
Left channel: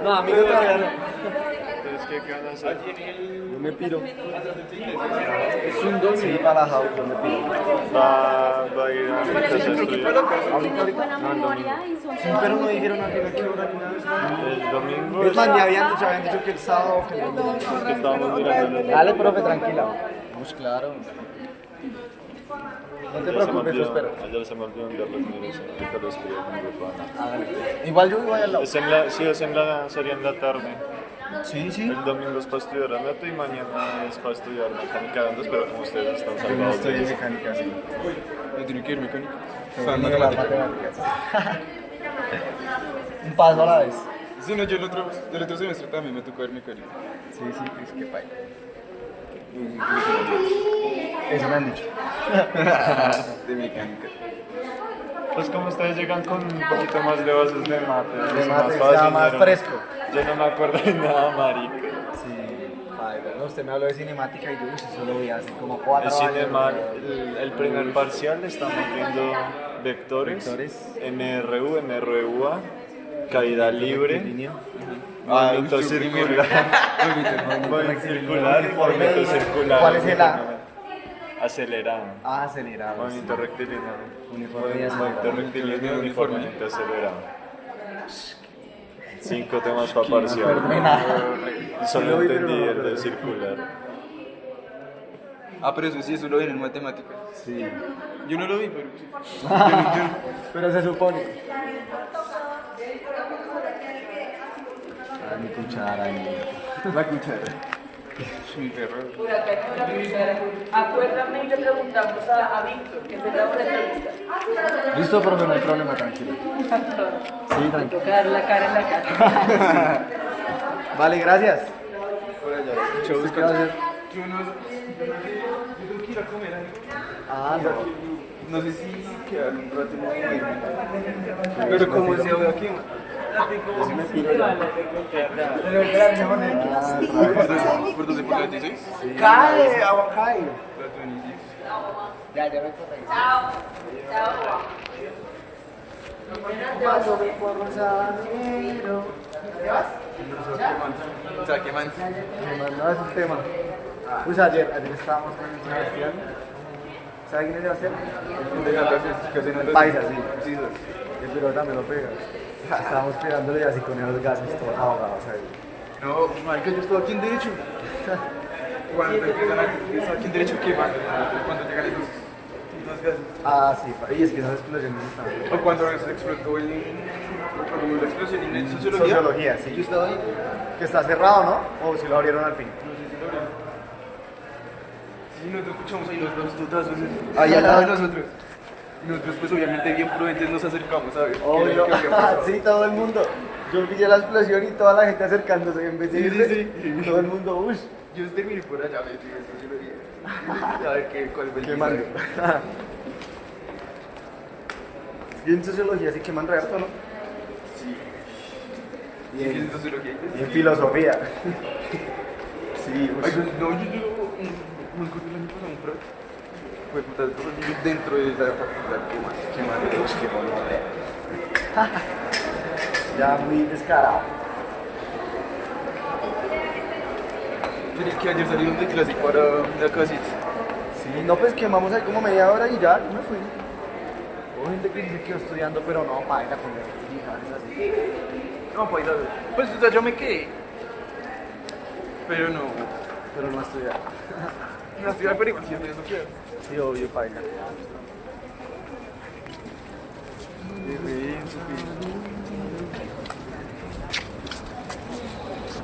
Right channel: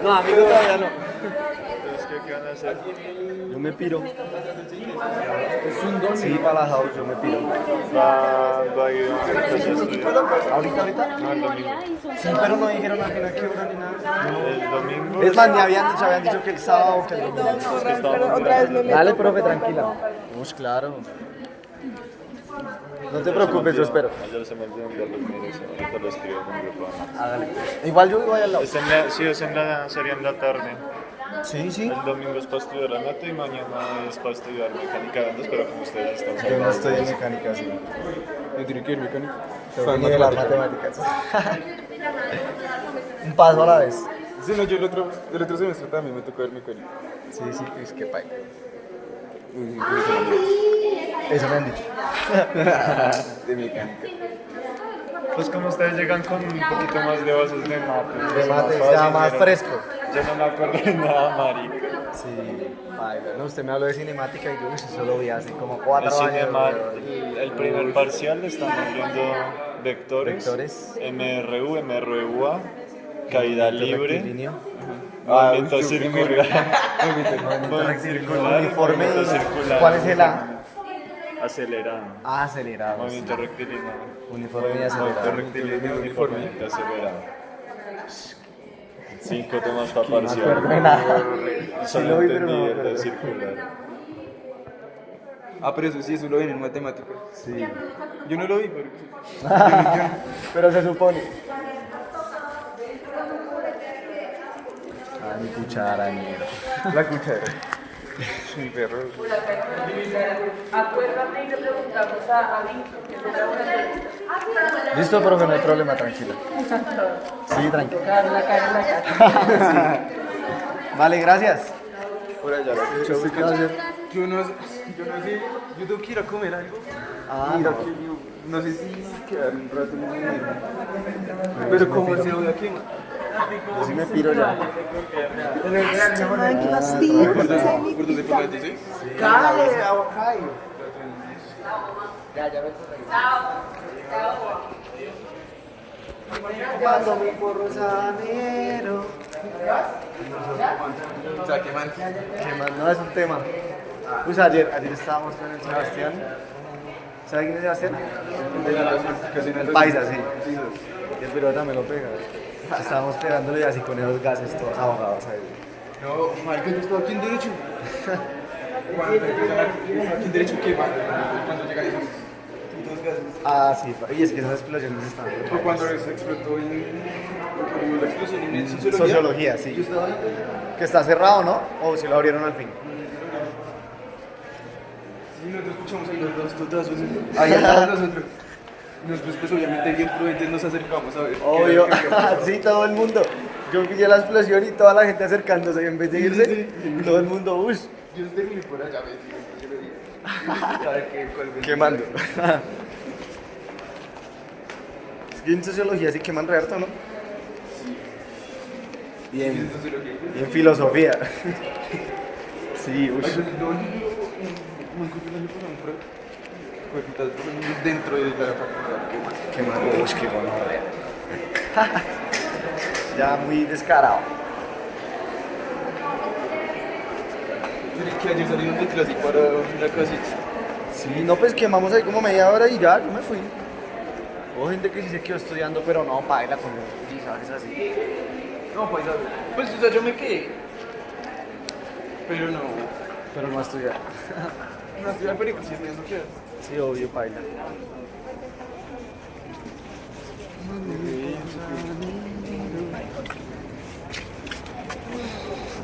No, amigo todavía no. Entonces, ¿qué van a hacer? Yo me piro. Es un domingo. Sí, para la house, yo me piro. Va a ir a mi casa a estudiar. ¿Ahorita? No, el domingo. Sí, pero no dijeron nada de qué hora ni nada. El domingo. Es más, me habían dicho que el sábado, que el domingo. Es que estábamos Otra vez mirando. me Dale, meto profe, con tranquila. papá. Vamos, claro. No te Ayer se me preocupes, yo olvidó- espero. Ayer se me olvidó enviar los números, ahorita lo escribo en un grupo. Igual yo voy al lado. Sí, sería en la tarde. Sí, sí. El domingo es para estudiar anato y mañana es para estudiar mecánica de ondas, pero como ustedes están Yo no salvados. estoy de en eso. mecánica, sí. ¿Me tiene que ir mecánica? Pero no de las matemáticas. Un paso a la vez. Sí, no, yo el otro semestre también me tocó ver mecánica. Sí, sí, pues qué pay. Eso me han dicho. De mecánica. Pues como ustedes llegan con un poquito más de bases de mate, De es mate, fácil, está más pero fresco. Yo no me acuerdo de nada, marica. Sí. Ay, bueno, usted me habló de cinemática y yo solo vi así como 4 El años. cinema, el primer parcial estamos viendo vectores, Vectores. MRU, MRUA, caída libre, Rectilíneo. movimiento uy, circular, movimiento circular, movimiento circular, ¿Cuál es el A? acelerado, Ah, acelerado. movimiento rectilíneo, Uniforme y movimiento acelerado. rectilíneo, uniformemente acelerado. 5 temas para acuerdo de parcial. nada. Solo entendí el de circular. Ah, pero eso sí, eso lo vi en matemática. Sí. Yo no lo vi, pero sí. Pero se supone. Ah, mi cuchara, La cuchara. Mi perro. Por acá hay una cuchara. Acuérdame y le preguntamos a Víctor, que empezamos la entrevista. Listo, profe, no hay problema, tranquilo. Sí, tranquilo. Tocar la cara en la cara. Vale, gracias. Por allá, Sí, gracias. yo no sé, yo tengo que ir a comer algo. Ah, Mira, no. no sé si quedar un rato más de irme. Pero como se voy a quemar. Yo sí me piro ya. Ay, qué fastidio. ¿Por dónde? ¿Por la 16? ¡Cae! ¡Agua cae! La 26. Ya, ya me toca. Paso mi porro sabanero. O sea, quemando. No es un tema. Pues ayer estábamos con el Sebastián. ¿Sabe quién es Sebastián? El paisa, sí. Sí, El pirata también lo pega. Estábamos pegándole así con esos gases todos ahogados ahí. no, mal que yo estoy aquí en derecho. Cuando empiezan aquí en derecho, quemando. Cuando llegan esos gases. Ah, sí, y es que esas explosiones están. O cuando se explotó cuando hubo la explosión en sociología. Sociología, sí. Yo estaba ahí. Que está cerrado, ¿no? O si lo abrieron al fin. No sé si lo vieron. Sí, nosotros escuchamos ahí los dos, todas veces. Ahí al lado. de nosotros. Y nosotros pues obviamente bien prudentes nos acercamos a ver Obvio, qué había pasado. sí, todo el mundo. Yo pillé la explosión y toda la gente acercándose en vez de irse. Todo el mundo, uy, Yo terminé por allá, me yo lo vi. A ver cuál fue el quemando. mensaje. Es que en sociología sí queman re harto, ¿no? Sí. Y en, ¿En sociología? y en filosofía. Sí, Ay, uy. pues, no, yo me encontré el año pasado un pro. Fue puta, dentro de la facultad, qué mal. Quemando, es que bueno, ya muy descarado. Yo dije que ayer salimos de clase para la casita. Sí, no, pues quemamos ahí como media hora y ya, yo me fui. Hubo gente que sí se quedó estudiando, pero no, baila como es así. No, para ir a ver. Pues, o sea, yo me quedé. Pero no. Pero no estudiar. No ciudad, pero igual sí estoy eso queda. Sí, obvio, baila.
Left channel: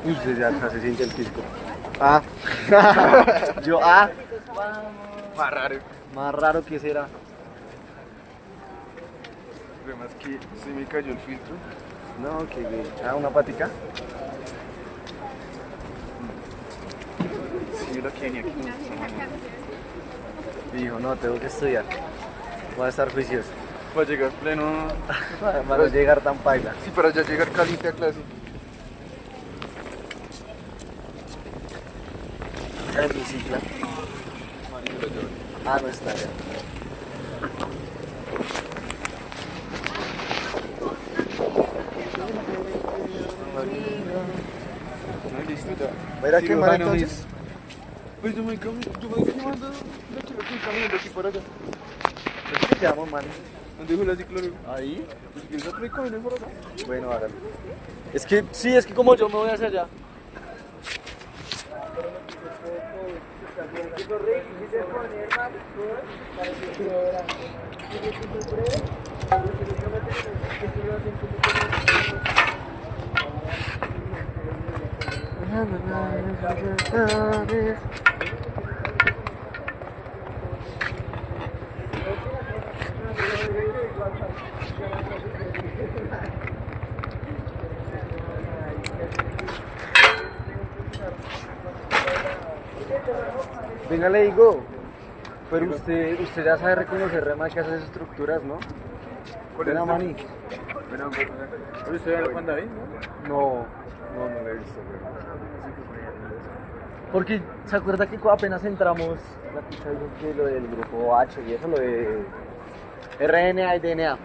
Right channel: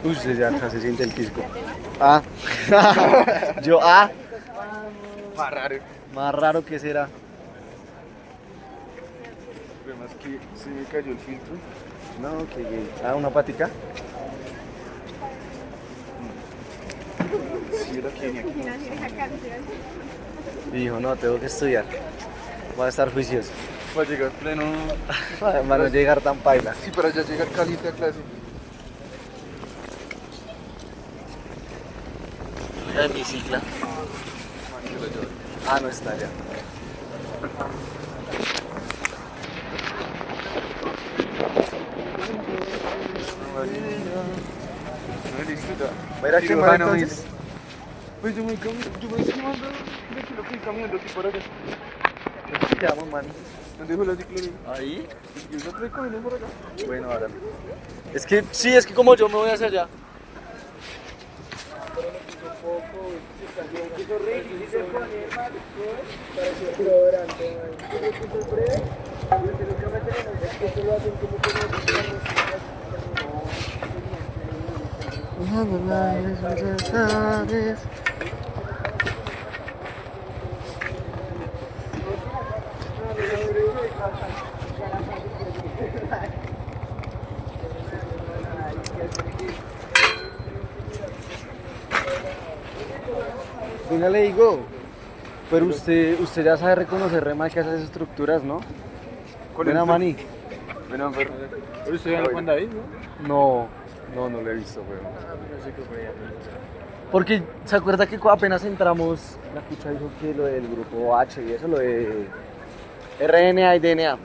Uy, ya se siente el físico. Ah. Yo, ah. Más raro. Más raro que será. Además que se me cayó el filtro. No, que ah, una patica. Sí, la Kenia aquí. Y dijo, no, tengo que estudiar. Voy a estar juicioso. Para llegar pleno. Para no llegar tan paila. Sí, para ya llegar caliente a clase. ¿El bicicla? Ah, no está ya. No, listo ya. ¿Va a ir a quemar Cirujano, entonces? Pues yo me voy quemando de aquí lo estoy caminando aquí por allá. ¿Qué llamo, man? ¿Dónde dijo la ciclón? Ahí. Yo no estoy caminando por acá. Bueno, ahora. Es que, sí, es que como yo me voy hacia allá. Venga, le digo, pero usted ya sabe reconocer rema que hace esas estructuras, ¿no? Buena mani. ¿Pero usted ya lo manda ahí, no? No lo he visto, güey. Porque, ¿se acuerda que apenas entramos, la picha dijo que lo del grupo H y eso, lo de RNA y DNA?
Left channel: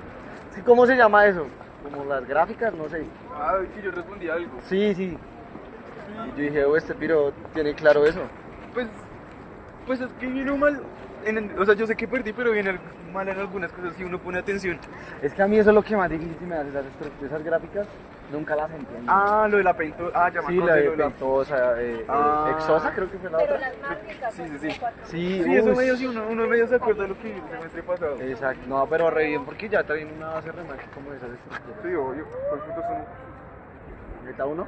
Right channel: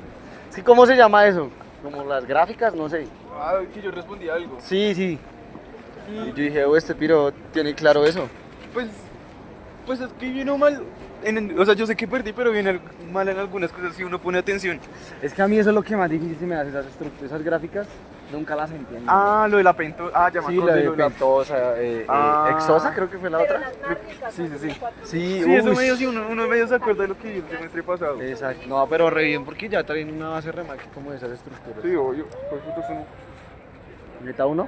Sí, ¿cómo se llama eso? Como las gráficas, no sé. Ah, que yo respondí algo. Sí. Y yo dije, oh, este piro tiene claro eso. Pues es que vino mal. O sea, yo sé que perdí, pero viene mal en algunas cosas si uno pone atención. Es que a mí eso es lo que más difícil se me hace, esas estructuras, esas gráficas, nunca las entiendo. Ah, lo de la pentosa. Ah, ya me Sí, acordé, la de lo de la- pentosa, exosa creo que fue la otra. Sí. Sí, Sí, eso ush. medio sí, uno medio se acuerda de lo que vi el semestre pasado. Exacto, no, pero re bien, porque ya traen una base re mal como de esas estructuras. Sí, obvio. ¿Cuál puto son? ¿Ahorita uno?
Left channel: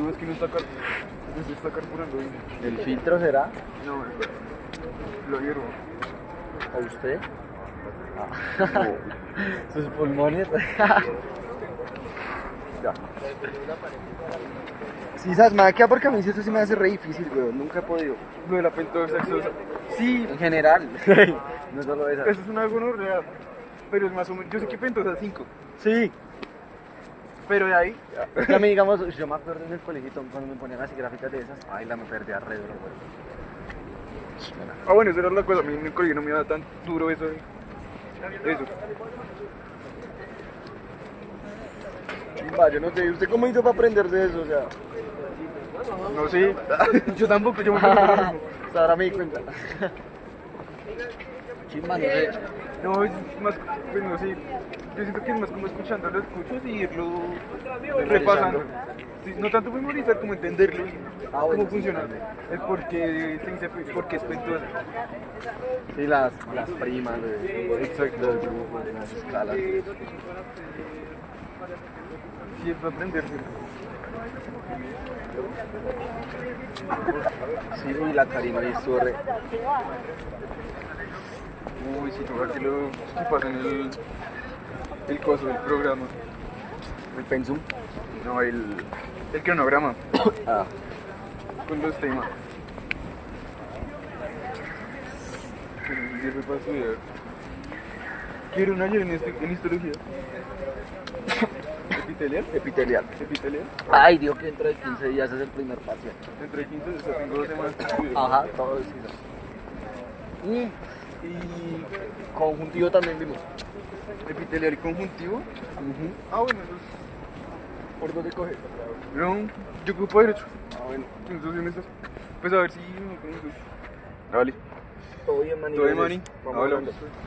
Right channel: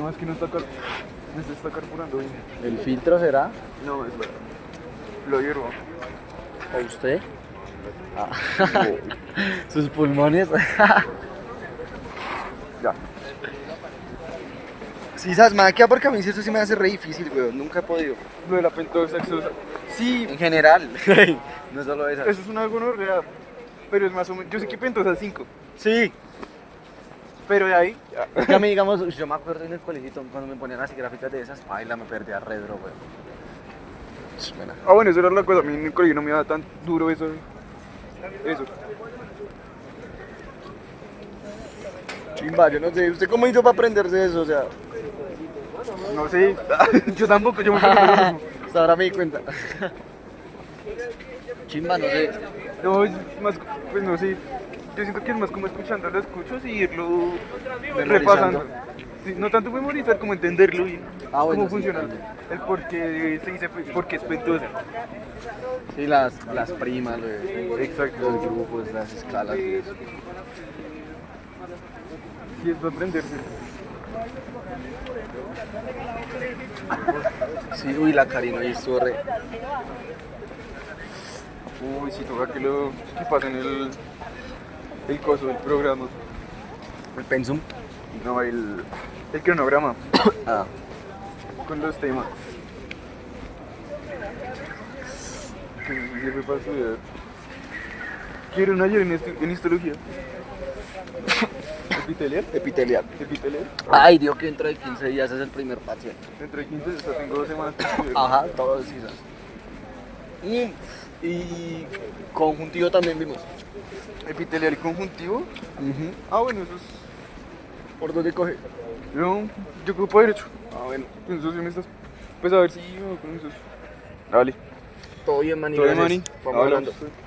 No, es que no está se está carburando. ¿El filtro será? No, lo hiervo. ¿A usted? Sus pulmones. Ya. Sí, sabes, me queda porque a mí eso sí me hace re difícil, weón, nunca he podido. Lo de la pentosa exosa. Sí, En general, no solo esa. eso es una gonorrea. Pero es más o menos. Yo sé que pentosa 5. Sí, Pero de ahí. es que a mí, digamos, yo me acuerdo en el colegio cuando me ponían así gráficas de esas, ay, la me perdía re duro, weón. Ah, bueno, eso era la cosa. A mí en el colegio no me daba tan duro eso. Chimba, yo no sé, ¿usted cómo hizo para aprenderse eso? O sea, No sé. Yo tampoco, yo me acuerdo lo mismo. hasta ahora me di cuenta. Chimba, no sé. No, es más, pues no sé. Yo siento que es más como escuchando los escuchos y irlo repasando. Sí, no tanto memorizar como entenderlo bien. Ah, bueno, cómo sí, funciona. también. El por qué se dice, por qué es pentosa. Sí, las primas, güey. Exacto. Los grupos, las escalas. Sí, es para aprenderse. Sí, uy, la Karina ahí estuvo re. Uy, sí, toca que lo que pasa en el coso del programa. El pensum. No, el cronograma. Ah. Con los temas. Que no sirve para estudiar. ¿Vieron ayer en histología? ¿Epitelial? Epitelial. ¿Epitelial? Ay, dijo que dentro de 15 días es el primer parcial. Entre 15 y tengo 2 semanas para estudiar. Ajá, todo eso. Y conjuntivo también vimos. ¿Epitelial y conjuntivo? Ah, bueno, eso es... ¿Por dónde coge? No, yo ocupo derecho. Ah, bueno, entonces me estás... Pues a ver si me voy con eso. Dale. Todo bien, Mani. Todo bien, gracias. Mani. Vamos Hablamos. hablando.